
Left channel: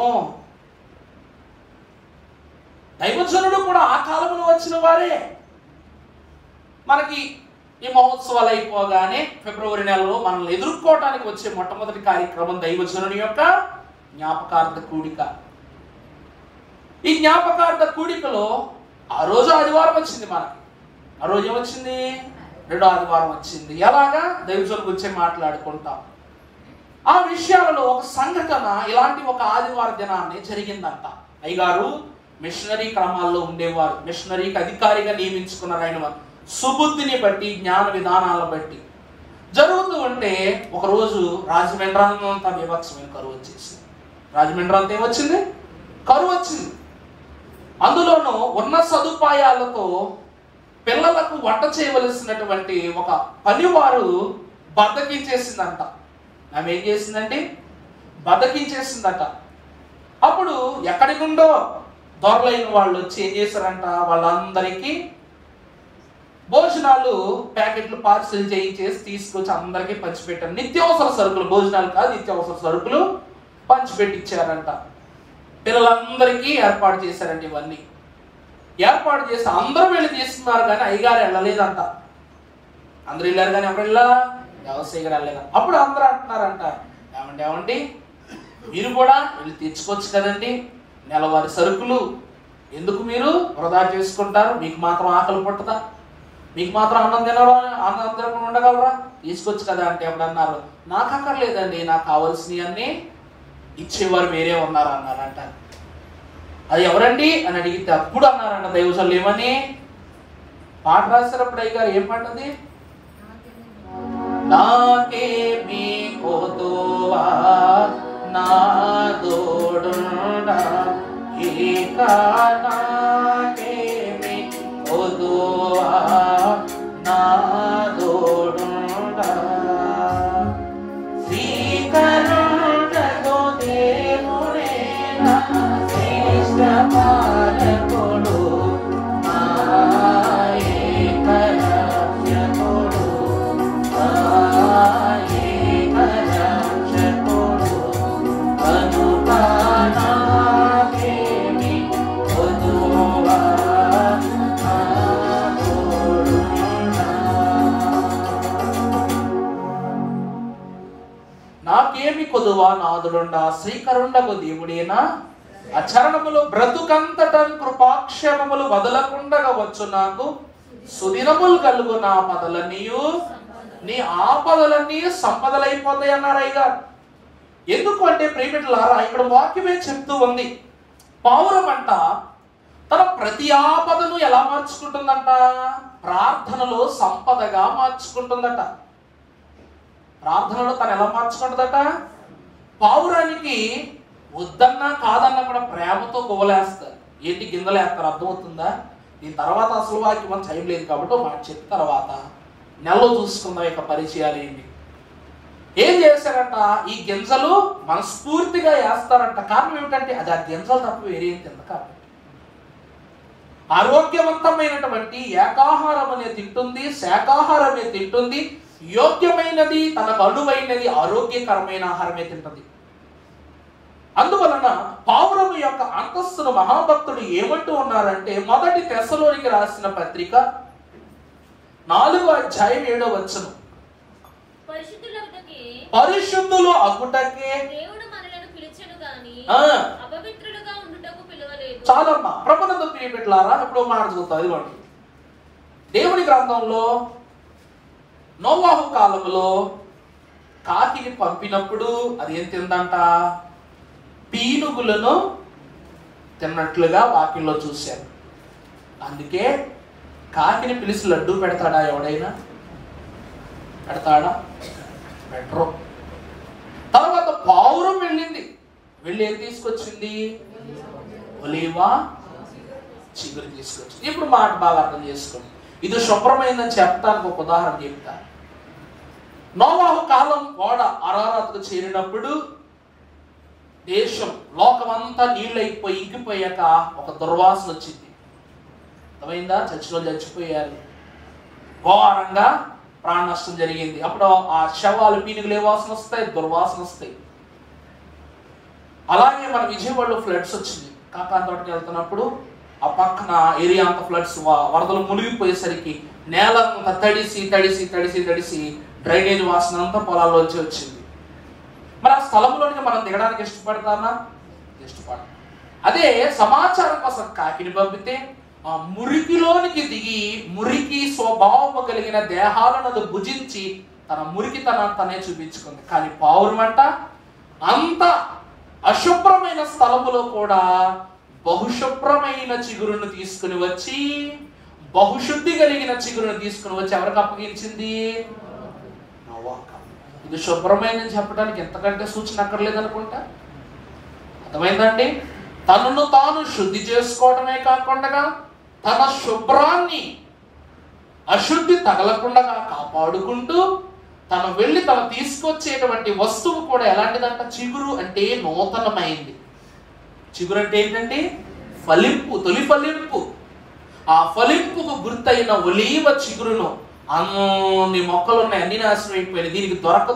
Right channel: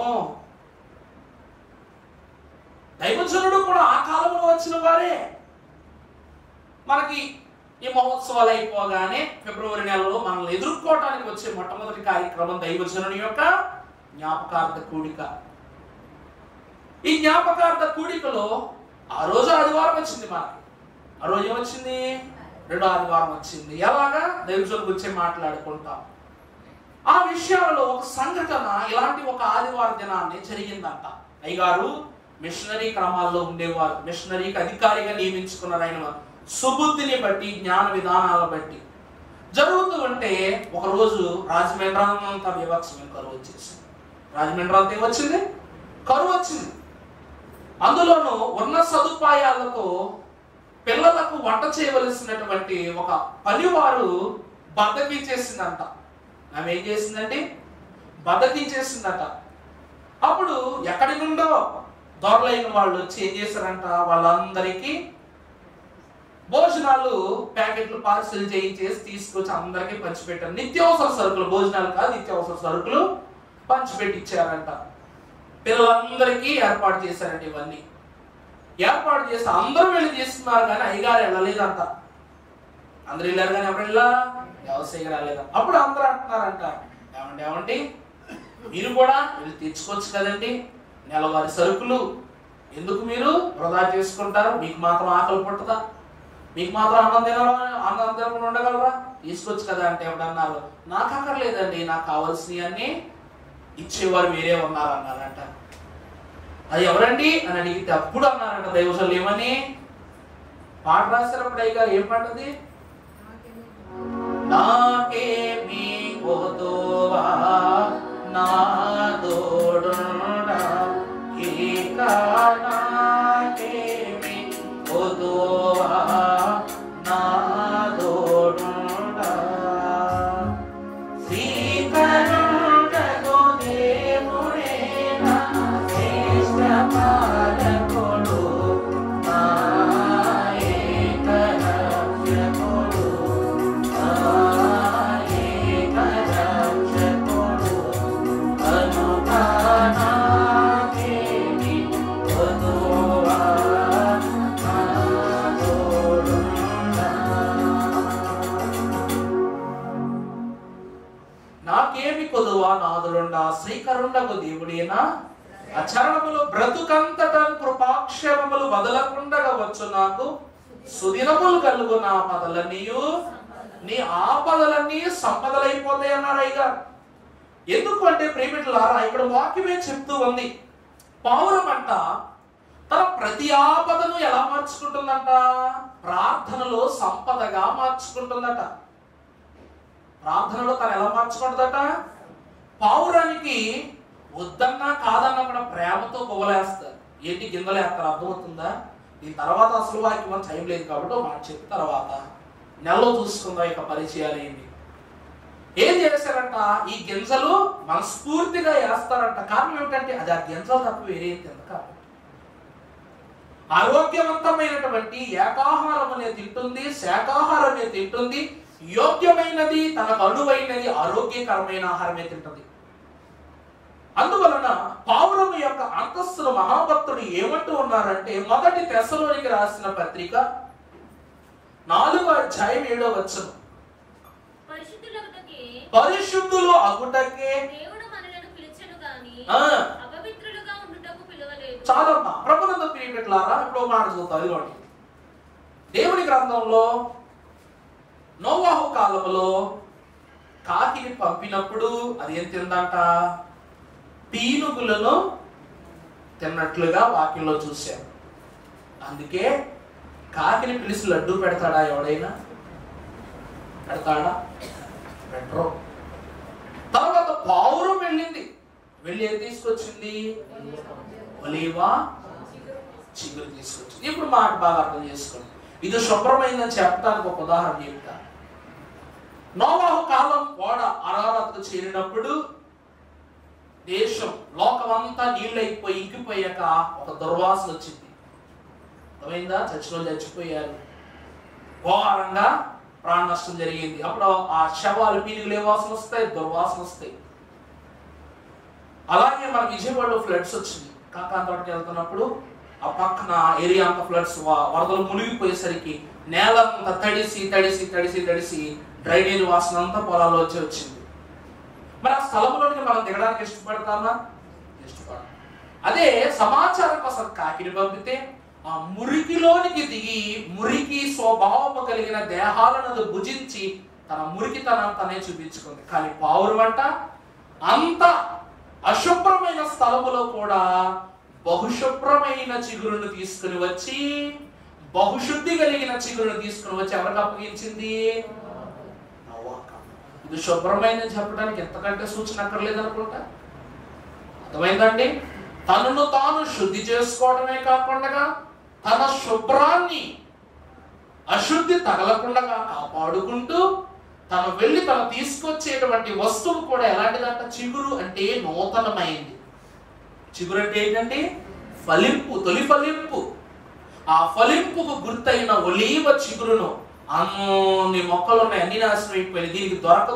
దైవజనుడు కూడా ఆ కాలంలో వచ్చిన వారే. మనకి ఈ మహోత్సవాలు అయిపోగానే ఫిబ్రవరి నెలలో మనల్ని ఎదుర్కోవటానికి వచ్చే మొట్టమొదటి కార్యక్రమం దైవజనుని యొక్క జ్ఞాపకార్థ కూడిక. ఈ జ్ఞాపకార్థ కూడికలో ఆ రోజు ఆదివారం వచ్చింది మనకి. ఆ రోజు ఏమొచ్చింది? రెండో ఆదివారం వచ్చింది. ఎలాగా? దైవజనుల గురించి మాట్లాడుకుంటాం. ఆ విషయాలలో ఒక సంఘటన ఇలాంటి ఒక ఆదివారం దినాన్ని జరిగిందంట. అయ్యగారు మిషనరీ క్రమాల్లో ఉండేవారు, మిషనరీకి అధికారిగా నియమించుకున్నారు. ఆయన సుబుద్ధిని బట్టి, జ్ఞాన విధానాలను బట్టి జరుగుతూ ఉంటే ఒకరోజు రాజమండ్రి అంతా వివక్షమైన కరువు వచ్చేసింది. రాజమండ్రి అంతా ఏమొచ్చింది? కరువు వచ్చింది. అందులోనూ ఉన్న సదుపాయాలతో పిల్లలకు వంట చేయవలసినటువంటి ఒక పనివారు బద్దకించేసిందంట. ఆమె ఏం చేసిందండి? బద్దకించేసిందట. అప్పుడు ఎక్కడి నుండో దొరలైన వాళ్ళు వచ్చి ఏం చేశారంట, వాళ్ళందరికీ భోజనాలు ప్యాకెట్లు పార్సిల్ చేయించేసి తీసుకొచ్చి అందరికీ పంచిపెట్టారు. నిత్యావసర సరుకులు, భోజనాలు కాదు, నిత్యావసర సరుకులు పంచిపెట్టించారంట. పిల్లలందరికీ ఏర్పాటు చేశారండి. ఇవన్నీ ఏర్పాటు చేసి అందరూ వెళ్ళి చేస్తున్నారు, కానీ అయ్యగారు వెళ్ళలేదంట. అందరూ వెళ్ళారు కానీ ఎవరు వెళ్ళా? వ్యవసాయ గారు వెళ్ళలేదు. అప్పుడు అందరూ అంటున్నారంట, ఏమండి మీరు కూడా వెళ్ళి తెచ్చుకోవచ్చు కదండి, నెలవారి సరుకులు ఎందుకు మీరు వృధా చేసుకుంటారు? మీకు మాత్రం ఆకలి పట్టుదా? మీకు మాత్రం అన్నం తినకుండా ఉండగలరా? తీసుకొచ్చు కదా అంటే ఎవడన్నారు, నాకు అక్కర్లేదండి, నాకు కావాల్సినవి అన్ని ఇచ్చేవారు వేరే ఉన్నారు అన్నారంట. అది ఎవరండి అని అడిగితే అప్పుడు అన్నారంట దైవజనులు ఏమని? పాట రాసినప్పుడు అయ్యగారు ఏం పాటది? నాకేమీ కొదువా నా తోడుండా, ఇక నాకేమీ కొదువా నా తోడుండా, శ్రీకరుణకు దేవుడే నా శ్రేష్ఠ పాలకుడు, నా ఏక రక్షకుడు, నా ఏక రక్షకుడు, కనుక నాకేమీ కొదువా నా తోడుండా. నాకేమి కొదువా నాదులుండా, శ్రీకరుండకు దేవుడేనా అచరణములు బ్రతుకంతటం కృపాక్షేమములు వదలకుండగా వచ్చు, నాకు సుదినములు కలుగు నా పదలన్నీయు నీ ఆపదలన్నీ సంపదలైపోతాయి అన్నారు అయ్యగారు. ఎందుకు అంటే ప్రియమిత్రులారా, ఇక్కడ వాక్యమే చెప్తూ ఉంది, పౌరమంట తన ప్రతి ఆపదను ఎలా మార్చుకుంటుందంట? ప్రార్థనలో సంపదగా మార్చుకుంటుందట. ప్రార్థనలో తను ఎలా మార్చుకుంటుందట? పౌరానికి వద్దన్నా కాదన్నా కూడా ప్రేమతో గువ్వలేస్తారు. ఏంటి గింజలేస్తారు? అర్థమవుతుందా? దీని తర్వాత అసలు వాక్యం టైం లేదు కాబట్టి మాట చెప్పిన తర్వాత నెలలో చూసుకుందాం ఇక పరిచయాలు ఏంటి. ఏం చేశారంట? ఈ గింజలు మనస్ఫూర్తిగా వేస్తారంట. కారణం ఏమిటంటే అది ఆ గింజలు తప్ప వేరేం తింద కాబట్టి. ఆరోగ్యవంతమైనటువంటి ఏకాహారం అనేది తింటుంది, శాకాహారమే తింటుంది, యోగ్యమైనది తనకు అనువైనది ఆరోగ్యకరమైన ఆహారమే తింటుంది. అందువలన పౌరము యొక్క అంతస్తును మహాభక్తుడు ఏమంటూ ఉన్నారంటే, మొదటి తెస్సలోనికి రాసిన పత్రిక 4వ అధ్యాయం 7వ వచనం, పరిశుద్ధులు అగుటకే దేవుడు మనలను పిలిచెను గాని అపవిత్రులుగా ఉండుటకు పిలవలేదు. చాలమ్మా ప్రభునందు ప్రియమిత్రులారా, ఇప్పుడు మాట చూద్దాం. ఇదిగోండి, దేవుని గ్రంథంలో నోవాహు కాలంలో కాకిని పంపినప్పుడు అది ఏం తిందంట? పీనుగులను తిన్నట్లుగా వాక్యంలో చూశారు. అందుకే కాకిని పిలిచి లడ్డు పెడతాడా ఎవడైనా? పెడతాడా? పెట్టరు. తర్వాత పౌరం వెళ్ళింది, వెళ్ళి ఏం తీసుకొచ్చింది? ఒలీవా చిగురు తీసుకొచ్చింది. ఇప్పుడు మాట బాగా అర్థం చేసుకోండి. ఇది శుభ్రమైందని చెప్పడానికి ఒక ఉదాహరణ చెప్తా. నోవాహు కాలం ఓడ అరారత్కు చేరినప్పుడు దేశం లోకమంతా నీళ్ళైపోయి ఇంకిపోయాక ఒక దుర్వాసన వచ్చింది. అర్థమైందా? చచ్చిలో చచ్చిపోయారు, ఘోరంగా ప్రాణ నష్టం జరిగింది. అప్పుడు ఆ శవాలు పీనుగులు ఏ వాసన వస్తాయి? దుర్వాసన వస్తాయి. అలాగే మన విజయవాడలో ఫ్లడ్స్ వచ్చింది. కాకాంతోటకి వెళ్తున్నప్పుడు ఆ పక్కన ఏరియా అంతా ఫ్లడ్స్, వరదలు మునిగిపోయేసరికి నేల అంతా తడిసి తడిసి తడిసి తడిసి డ్రైనేజ్ వాసన అంతా పొలాల్లోంచి వచ్చింది. మరి ఆ స్థలంలోనికి మనం దిగడానికి ఇష్టపడతామా? ఇష్టపడతాం. అదే సమాచారం కోసం కాకిని పంపితే ఆ మురికిలోనికి దిగి మురికి స్వభావము కలిగిన దేహాలను అది భుజించి తన మురికితనాన్ని తనే చూపించుకుంది. కానీ పావురం అంట అంత అశుభ్రమైన స్థలములో కూడా బహుశుభ్రమైన చిగురును తీసుకుని వచ్చి, బహుశుద్ధి కలిగిన చిగురును తీసుకుని వచ్చి ఎవరికి అప్పగించింది? నోవాకు. ఇది శుభ్రమైన చెప్పడానికి ఎంతకంటే సూచన అక్కర్లేదు అనుకుంటా. అర్థమైందండి? తనను తాను శుద్ధి చేసుకోవడమే కాకుండా తన శుభ్రాన్ని అశుద్ధి తగలకుండా కాపాడుకుంటూ తను వెళ్ళి తను తీసుకొచ్చేటువంటి వస్తువు కూడా ఎలాంటిదంట? చిగురు అంటే నూతనమైంది. చిగురు అంటే ఏంటండి? ఫలింపు, తొలి ఫలింపు. ఆ ఫలింపుకు గుర్తైన ఒలీవ చిగురును అన్ని మొక్కలు ఉన్నాయి, అన్ని నాశనం అయిపోయినాయి. దీనికి దొరక్క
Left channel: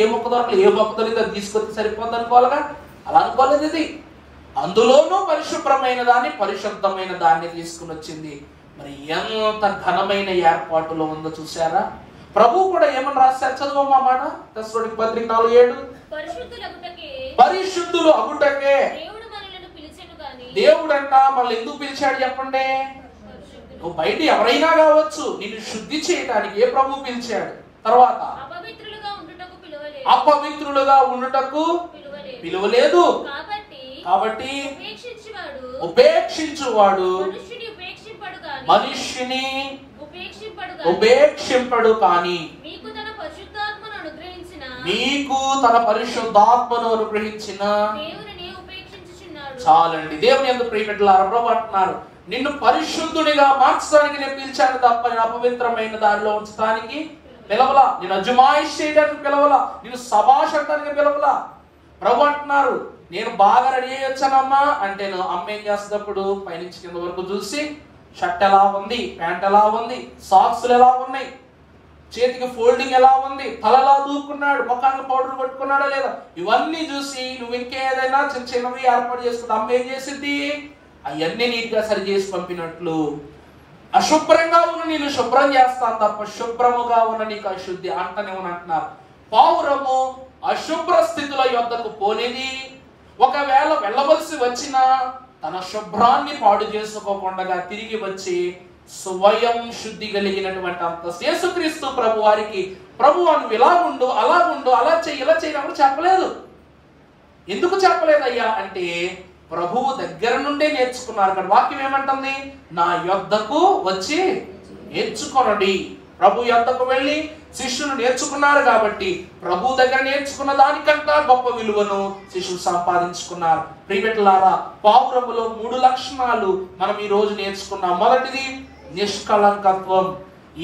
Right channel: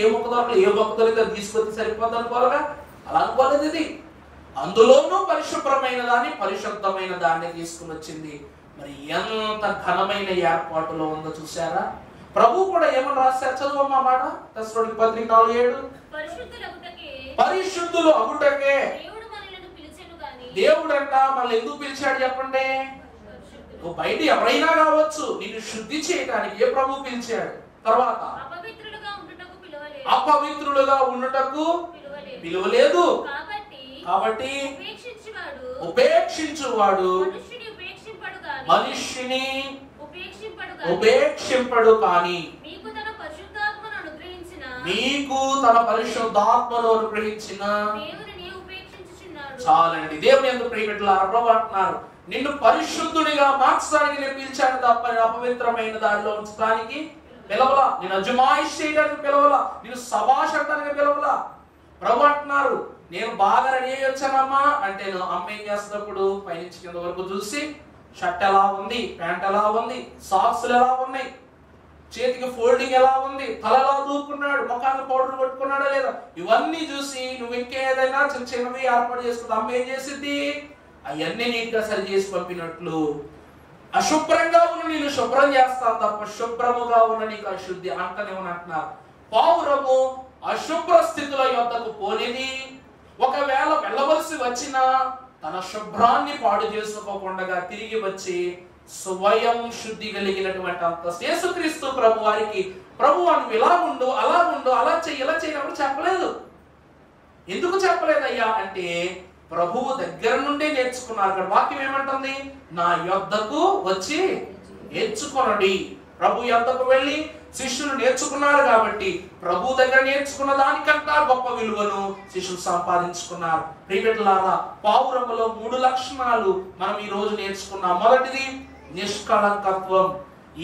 ఏ మొక్క దొరకలేదు, ఏ మొక్క దొరికి తీసుకొచ్చి సరిపోద్ది అనుకోవాలిగా. అలా అనుకోలేదు. ఇది అందులోనూ పరిశుభ్రమైన దాన్ని, పరిశుద్ధమైన దాన్ని తీసుకుని వచ్చింది. మరి ఎంత ఘనమైన ఏర్పాటులో ఉందో చూసారా? ప్రభు కూడా ఏమని రాశారు? చదువు ఆ మాట. తెస్సలోనికీ పత్రిక 4:7. పరిశుద్ధులు అగుటకే దేవుడంట మనల్ని ఎందుకు పిలిచాడు చెప్పండి? నువ్వు బయట ఎవరైనా కావచ్చు, నిన్ను శుద్ధి చేయడానికి ఏ ప్రభు పిలిచాడు? తర్వాత అపవిత్రులుగా ఉండుటకు పిలువలేదు. కాబట్టి ఉపేక్షించువాడు మనుష్యుని ఉపేక్షింపడు, కానీ మీకు తన పరిశుద్ధాత్మను అనుగ్రహించిన చాలండి. దేవుని యందు ప్రియబిడ్డలారా, ప్రభువు అంటున్నారు, నిన్ను పరిశుద్ధుడిగా మార్చడానికి నేను పిలిచాను తప్ప అపవిత్రమైన దానిలో ఉంచడానికి పిలవలా. నేను అజమాయిష్ చేయడానికి పిలవలా, నేను సభాష్ అనడానికి పిలవలా. ప్రభు అంటున్నారు, నేను బాగా రెడీ అయ్యి వచ్చానమ్మా అంటే అమ్మ ఏం చేస్తున్నప్పుడు పైనుంచి కింద వరకు చూసి షర్ట్ ఎలా ఉంది, ప్యాంట్ ఎలా ఉంది, సాక్స్లు ఎలా ఉన్నాయి, చేతికి ఫోల్డింగ్ ఎలా ఉంది, తల ఎలా దూకున్నాడు, ముఖానికి పౌడర్ కొట్టుకున్నాడా లేదా, ఇవన్నీ చూసి నువ్వు ఇంకేదైనా చిన్న చిన్నవి ఏర్పాటు చేసుకుంటే అమ్మ ఏం చేసింది? అవన్నీ నీట్ గా సరి చేసి పంపినట్లు అశుభ్రంగా ఉన్న నేను శుభ్రం చేస్తాను తప్ప శుభ్రముగా ఉన్న నీకు అశుద్ధి అంటనే అంటున్నారు. పావురము అశుభ్ర స్థితుల యొద్దకు పోనిది, ఒకవేళ వెళ్ళవలసి వచ్చినా తన శుభ్రాన్ని పాడు చేసుకోకుండా తిరిగి వచ్చి స్వయం శుద్ధి కలిగినటువంటి అంత యేసుక్రీస్తు ప్రభు వారికి ప్రభు నువ్వు ఇలా ఉండు, అలా ఉండు, అలా చెయ్యి, ఇలా చెయ్యి ఎవరు చెప్పలేదు. ఎందుకు చెప్పలేదయ్యా అంటే ప్రభువు దగ్గర నుండే నేర్చుకున్నారు. అక్కడ వాక్యం ఏమంటుంది? నా యొద్దకు వచ్చి నేర్చుకొనండి. ప్రభు యొద్దకు వెళ్ళి శిష్యులు నేర్చుకున్నారు కాబట్టి ప్రభు దగ్గర నేర్చుకున్న దానికంటే గొప్ప విలువను శిష్యులు సంపాదించుకున్నారు. ప్రియబిడ్డలారా, పావురములో 3 లక్షణాలు మనం ఈ రోజు నేర్చుకున్నాం. మొదటిది నిష్కళంకత్వం.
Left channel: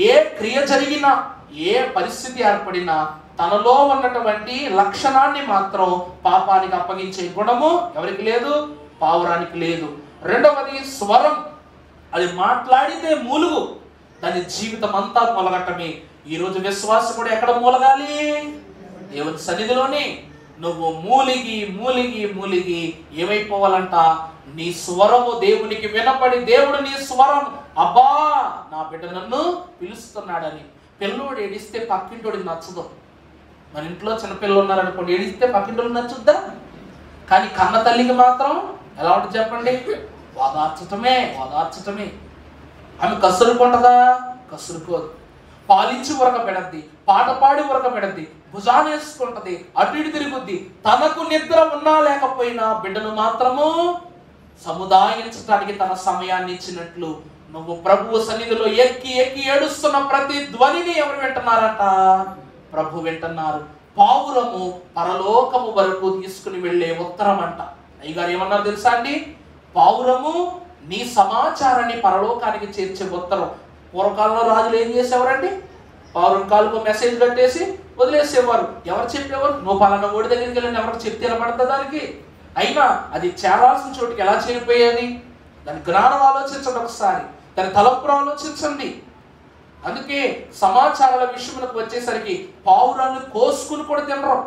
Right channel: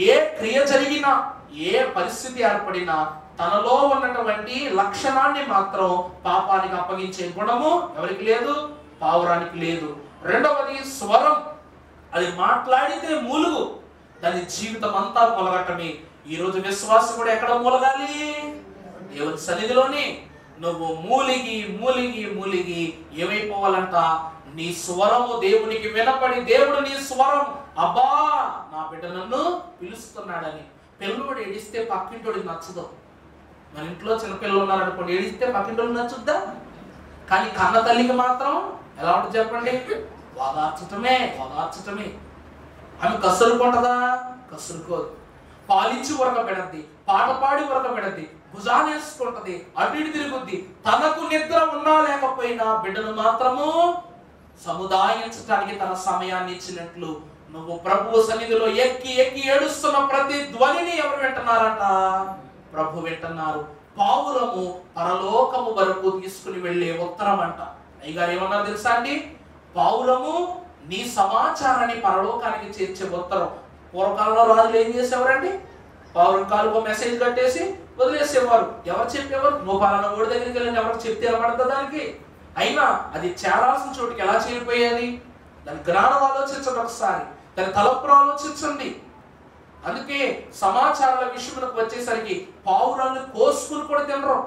ఏ క్రియ జరిగినా, ఏ పరిస్థితి ఏర్పడినా తనలో ఉన్నటువంటి లక్షణాన్ని మాత్రం పాపానికి అప్పగించే గుణము ఎవరికి లేదు? పావురానికి లేదు. రెండవది స్వరం. అది మాట్లాడితే మూలుగు, దాని జీవితం అంతా మొలగటమే. ఈ రోజు విశ్వాసం కూడా ఎక్కడ మూలగాలి? దేవుని సన్నిధిలోనే. నువ్వు మూలిగి మూలిగి మూలిగి ఏమైపోవాలంట? నీ స్వరము దేవునికి వినపడి దేవుడు నీ స్వరం, అబ్బా నా బిడ్డ నన్ను పిలుస్తున్నాడని. పిల్లోడు ఏడిస్తే పక్కింటోడికి నచ్చదు. మన ఇంట్లో చిన్నపిల్లలు ఉన్నారనుకోండి, ఏడిస్తే పక్కింటోడికి నచ్చుద్దా? కానీ కన్న తల్లికి మాత్రం ఎలా ఉంటుంది చెప్పండి? ఓదార్చటమే. ఆమె కసురుకుంటదా? కసురుకోదు. పాలించి ఉరక పెడద్ది, పాట పాడి ఉరక పెడద్ది, భుజాన్ని వేసుకుంటది, అటు ఇటు తిరుగుద్ది. తనకు నిద్ర ఉన్నా లేకపోయినా బిడ్డను మాత్రము సముదాయించడానికి తన సమయాన్ని ఇచ్చినట్లు నువ్వు ప్రభువు సన్నిధిలో ఎక్కి ఎక్కి ఏడుస్తున్న ప్రతి ధ్వనిని ఎవరు వింటున్నారట? ప్రభు వింటున్నారు. పావురము పరలోకము వరకు తీసుకుని వెళ్లే ఉత్తరం అంట. అయ్యగారు ఏమన్నారు తెలుసా అండి? పావురము నీ సమాచారాన్ని పరలోకానికి చేర్చే ఉత్తరం. పూర్వకాలంలో రాజులు ఏం చేసేవారండి? పావురం కాలుకో మెసేజ్ కట్టేసి వదిలేసేవారు. ఎవరు చెప్పేవారు? నువ్వు పలానా ఓడి దగ్గరికి వెళ్ళి ఎవరికి చెప్తే నిలబడతా దానికి? అయినా అది చేరాల్సిన చోటుకి ఎలా చేరిపోయేది? దాని జ్ఞానం ఆలోచించండి ఒకసారి, దాని తలపురు ఆలోచించండి. అందుకే సమాచారాల విషయంలోకి వచ్చేసరికి పావురాన్ని కోసుకుని కూడా తినరు.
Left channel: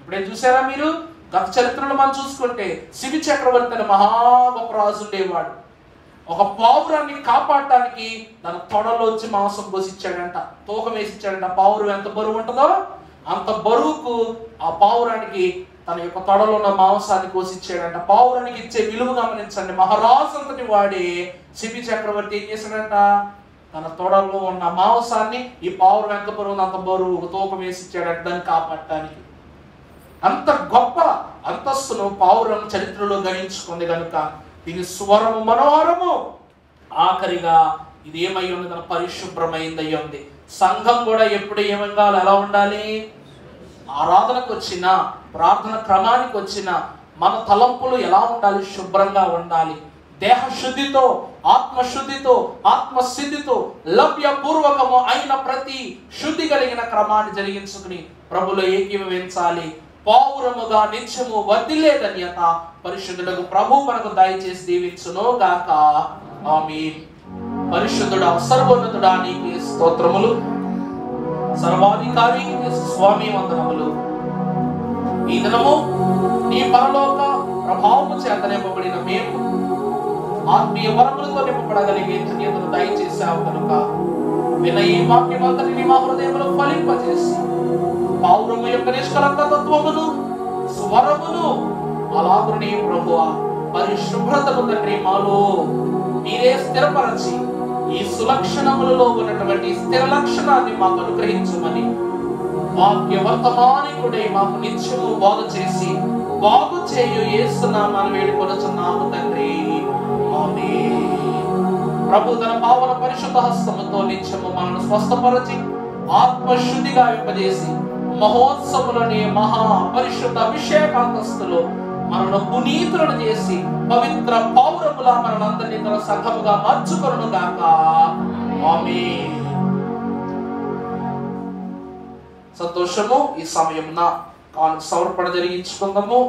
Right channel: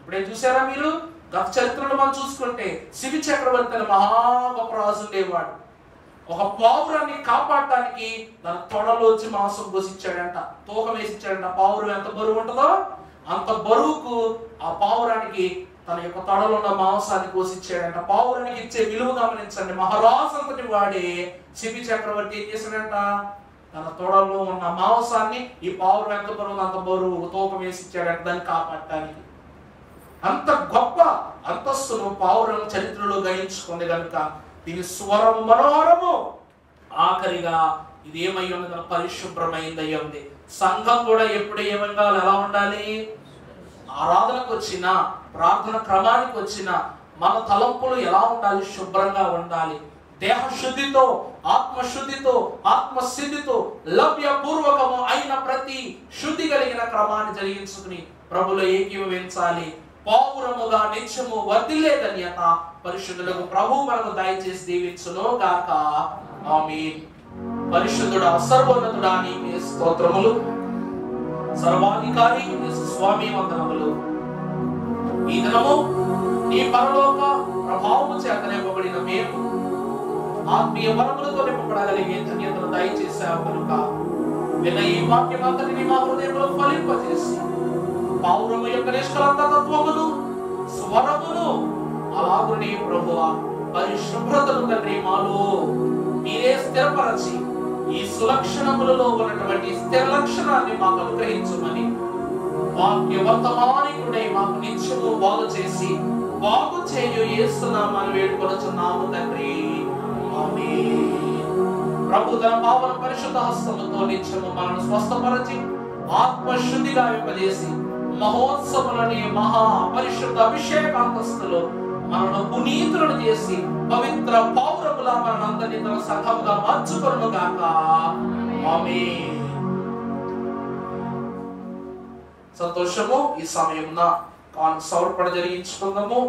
ఇప్పుడేం చూసారా మీరు? గత చరిత్రలో మనం చూసుకుంటే శిబి చక్రవర్తి అనే మహా గొప్ప రాజు ఉండేవాడు. ఒక పావురాన్ని కాపాడటానికి తన తొడలోంచి మాంసం పోసిచ్చాడంట, తూకం వేసిచ్చాడంట. పావురం ఎంత బరువు ఉంటుందో అంత బరువుకు ఆ పావురానికి తన యొక్క తొడలో ఉన్న మాంసాన్ని కోసిచ్చాడంట. పావురానికి ఇచ్చే విలువ గమనించండి. మహారాజు అంతటి వాడే శిబి చక్రవర్తి ఏం చేశాడంట, తన తొడలో ఉన్న మాంసాన్ని ఈ పావురం ఎంత బరువు అంత బరువు తూకం వేసి ఇచ్చాడంట దాన్ని కాపాడటానికి. అంత గొప్ప అంతస్తును పావురం చరిత్రలో గణించుకుంది కనుక దీని స్వరము మనోహరము. ఆఖరిగా ఇది ఏమై ఉన్నది, పరిశుభ్రమైంది అయ్యి ఉంది. సంఘం కూడా ఎప్పుడు ఏమైనా ఎలా ఉండాలి, ఆరాధనకు వచ్చిన ప్రార్థన క్రమానికి వచ్చిన మన తలంపులు ఎలా ఉండాలి, శుభ్రంగా ఉండాలి. దేహ శుద్ధితో, ఆత్మశుద్ధితో, ఆత్మసిద్ధితో లభ్యపూర్వకము అయిన ప్రతి శుద్ధి కలిగిన క్రమాన్ని జరిగించుకుని ప్రభులో ఏకీభవించాలి. పావురముగా నిత్యము వర్ధిల్లే ధన్యత పరిశుద్ధులకు ప్రభు మనకు దయచేసి దీవించును గాక. ఆమేన్. పరిశుద్ధుడా, సర్వోన్నతుడా, నీకే స్తోత్రములు. సర్వాధికారి స్వామి వందనములు. ఈ దినము నీ పరలోక ప్రభావము చేత నింపబడిన మేము ఆత్మీయ వరములతో నింపబడగలిగే ధన్యతను దయచేశావు కనుక విన్న ఈ వాక్యమంతటిని మా హృదయంలో ఫలింపజేసి పావురము యొక్క నిష్కలంక తత్వమును, స్వరమును, అలాగునే ప్రభువా పరిశుభ్రతను తండ్రి మాలో మీరే స్థిరపరచి ఈ సులక్షణములలో ఉన్నటువంటి స్థిర లక్షణాన్ని మాకు అనుగ్రహించమని వాక్య వర్తమానికుడే మాకు నిత్యము బాగు చేసి బాగు చేయు యేసునామమున వేడుకొనుచున్నాము తండ్రి. ఆమేన్. ప్రభు తన పావన పరిశుద్ధ హస్తముతో నిత్యము మనల్ని స్వస్థపరచి ఆత్మశుద్ధిగా వింపజేసి మహోత్సవులని మహా పరిశుద్ధ అభిషేకాంతస్తులో మనను పునీతులను చేసి పవిత్ర పౌరములా మనందరినీ తన సంఘముగా మార్చుకొనును గాక. ఆమేన్. సంతోషము. ఈ సమయమున కాను సమర్పణ జరిగించుకుందాము.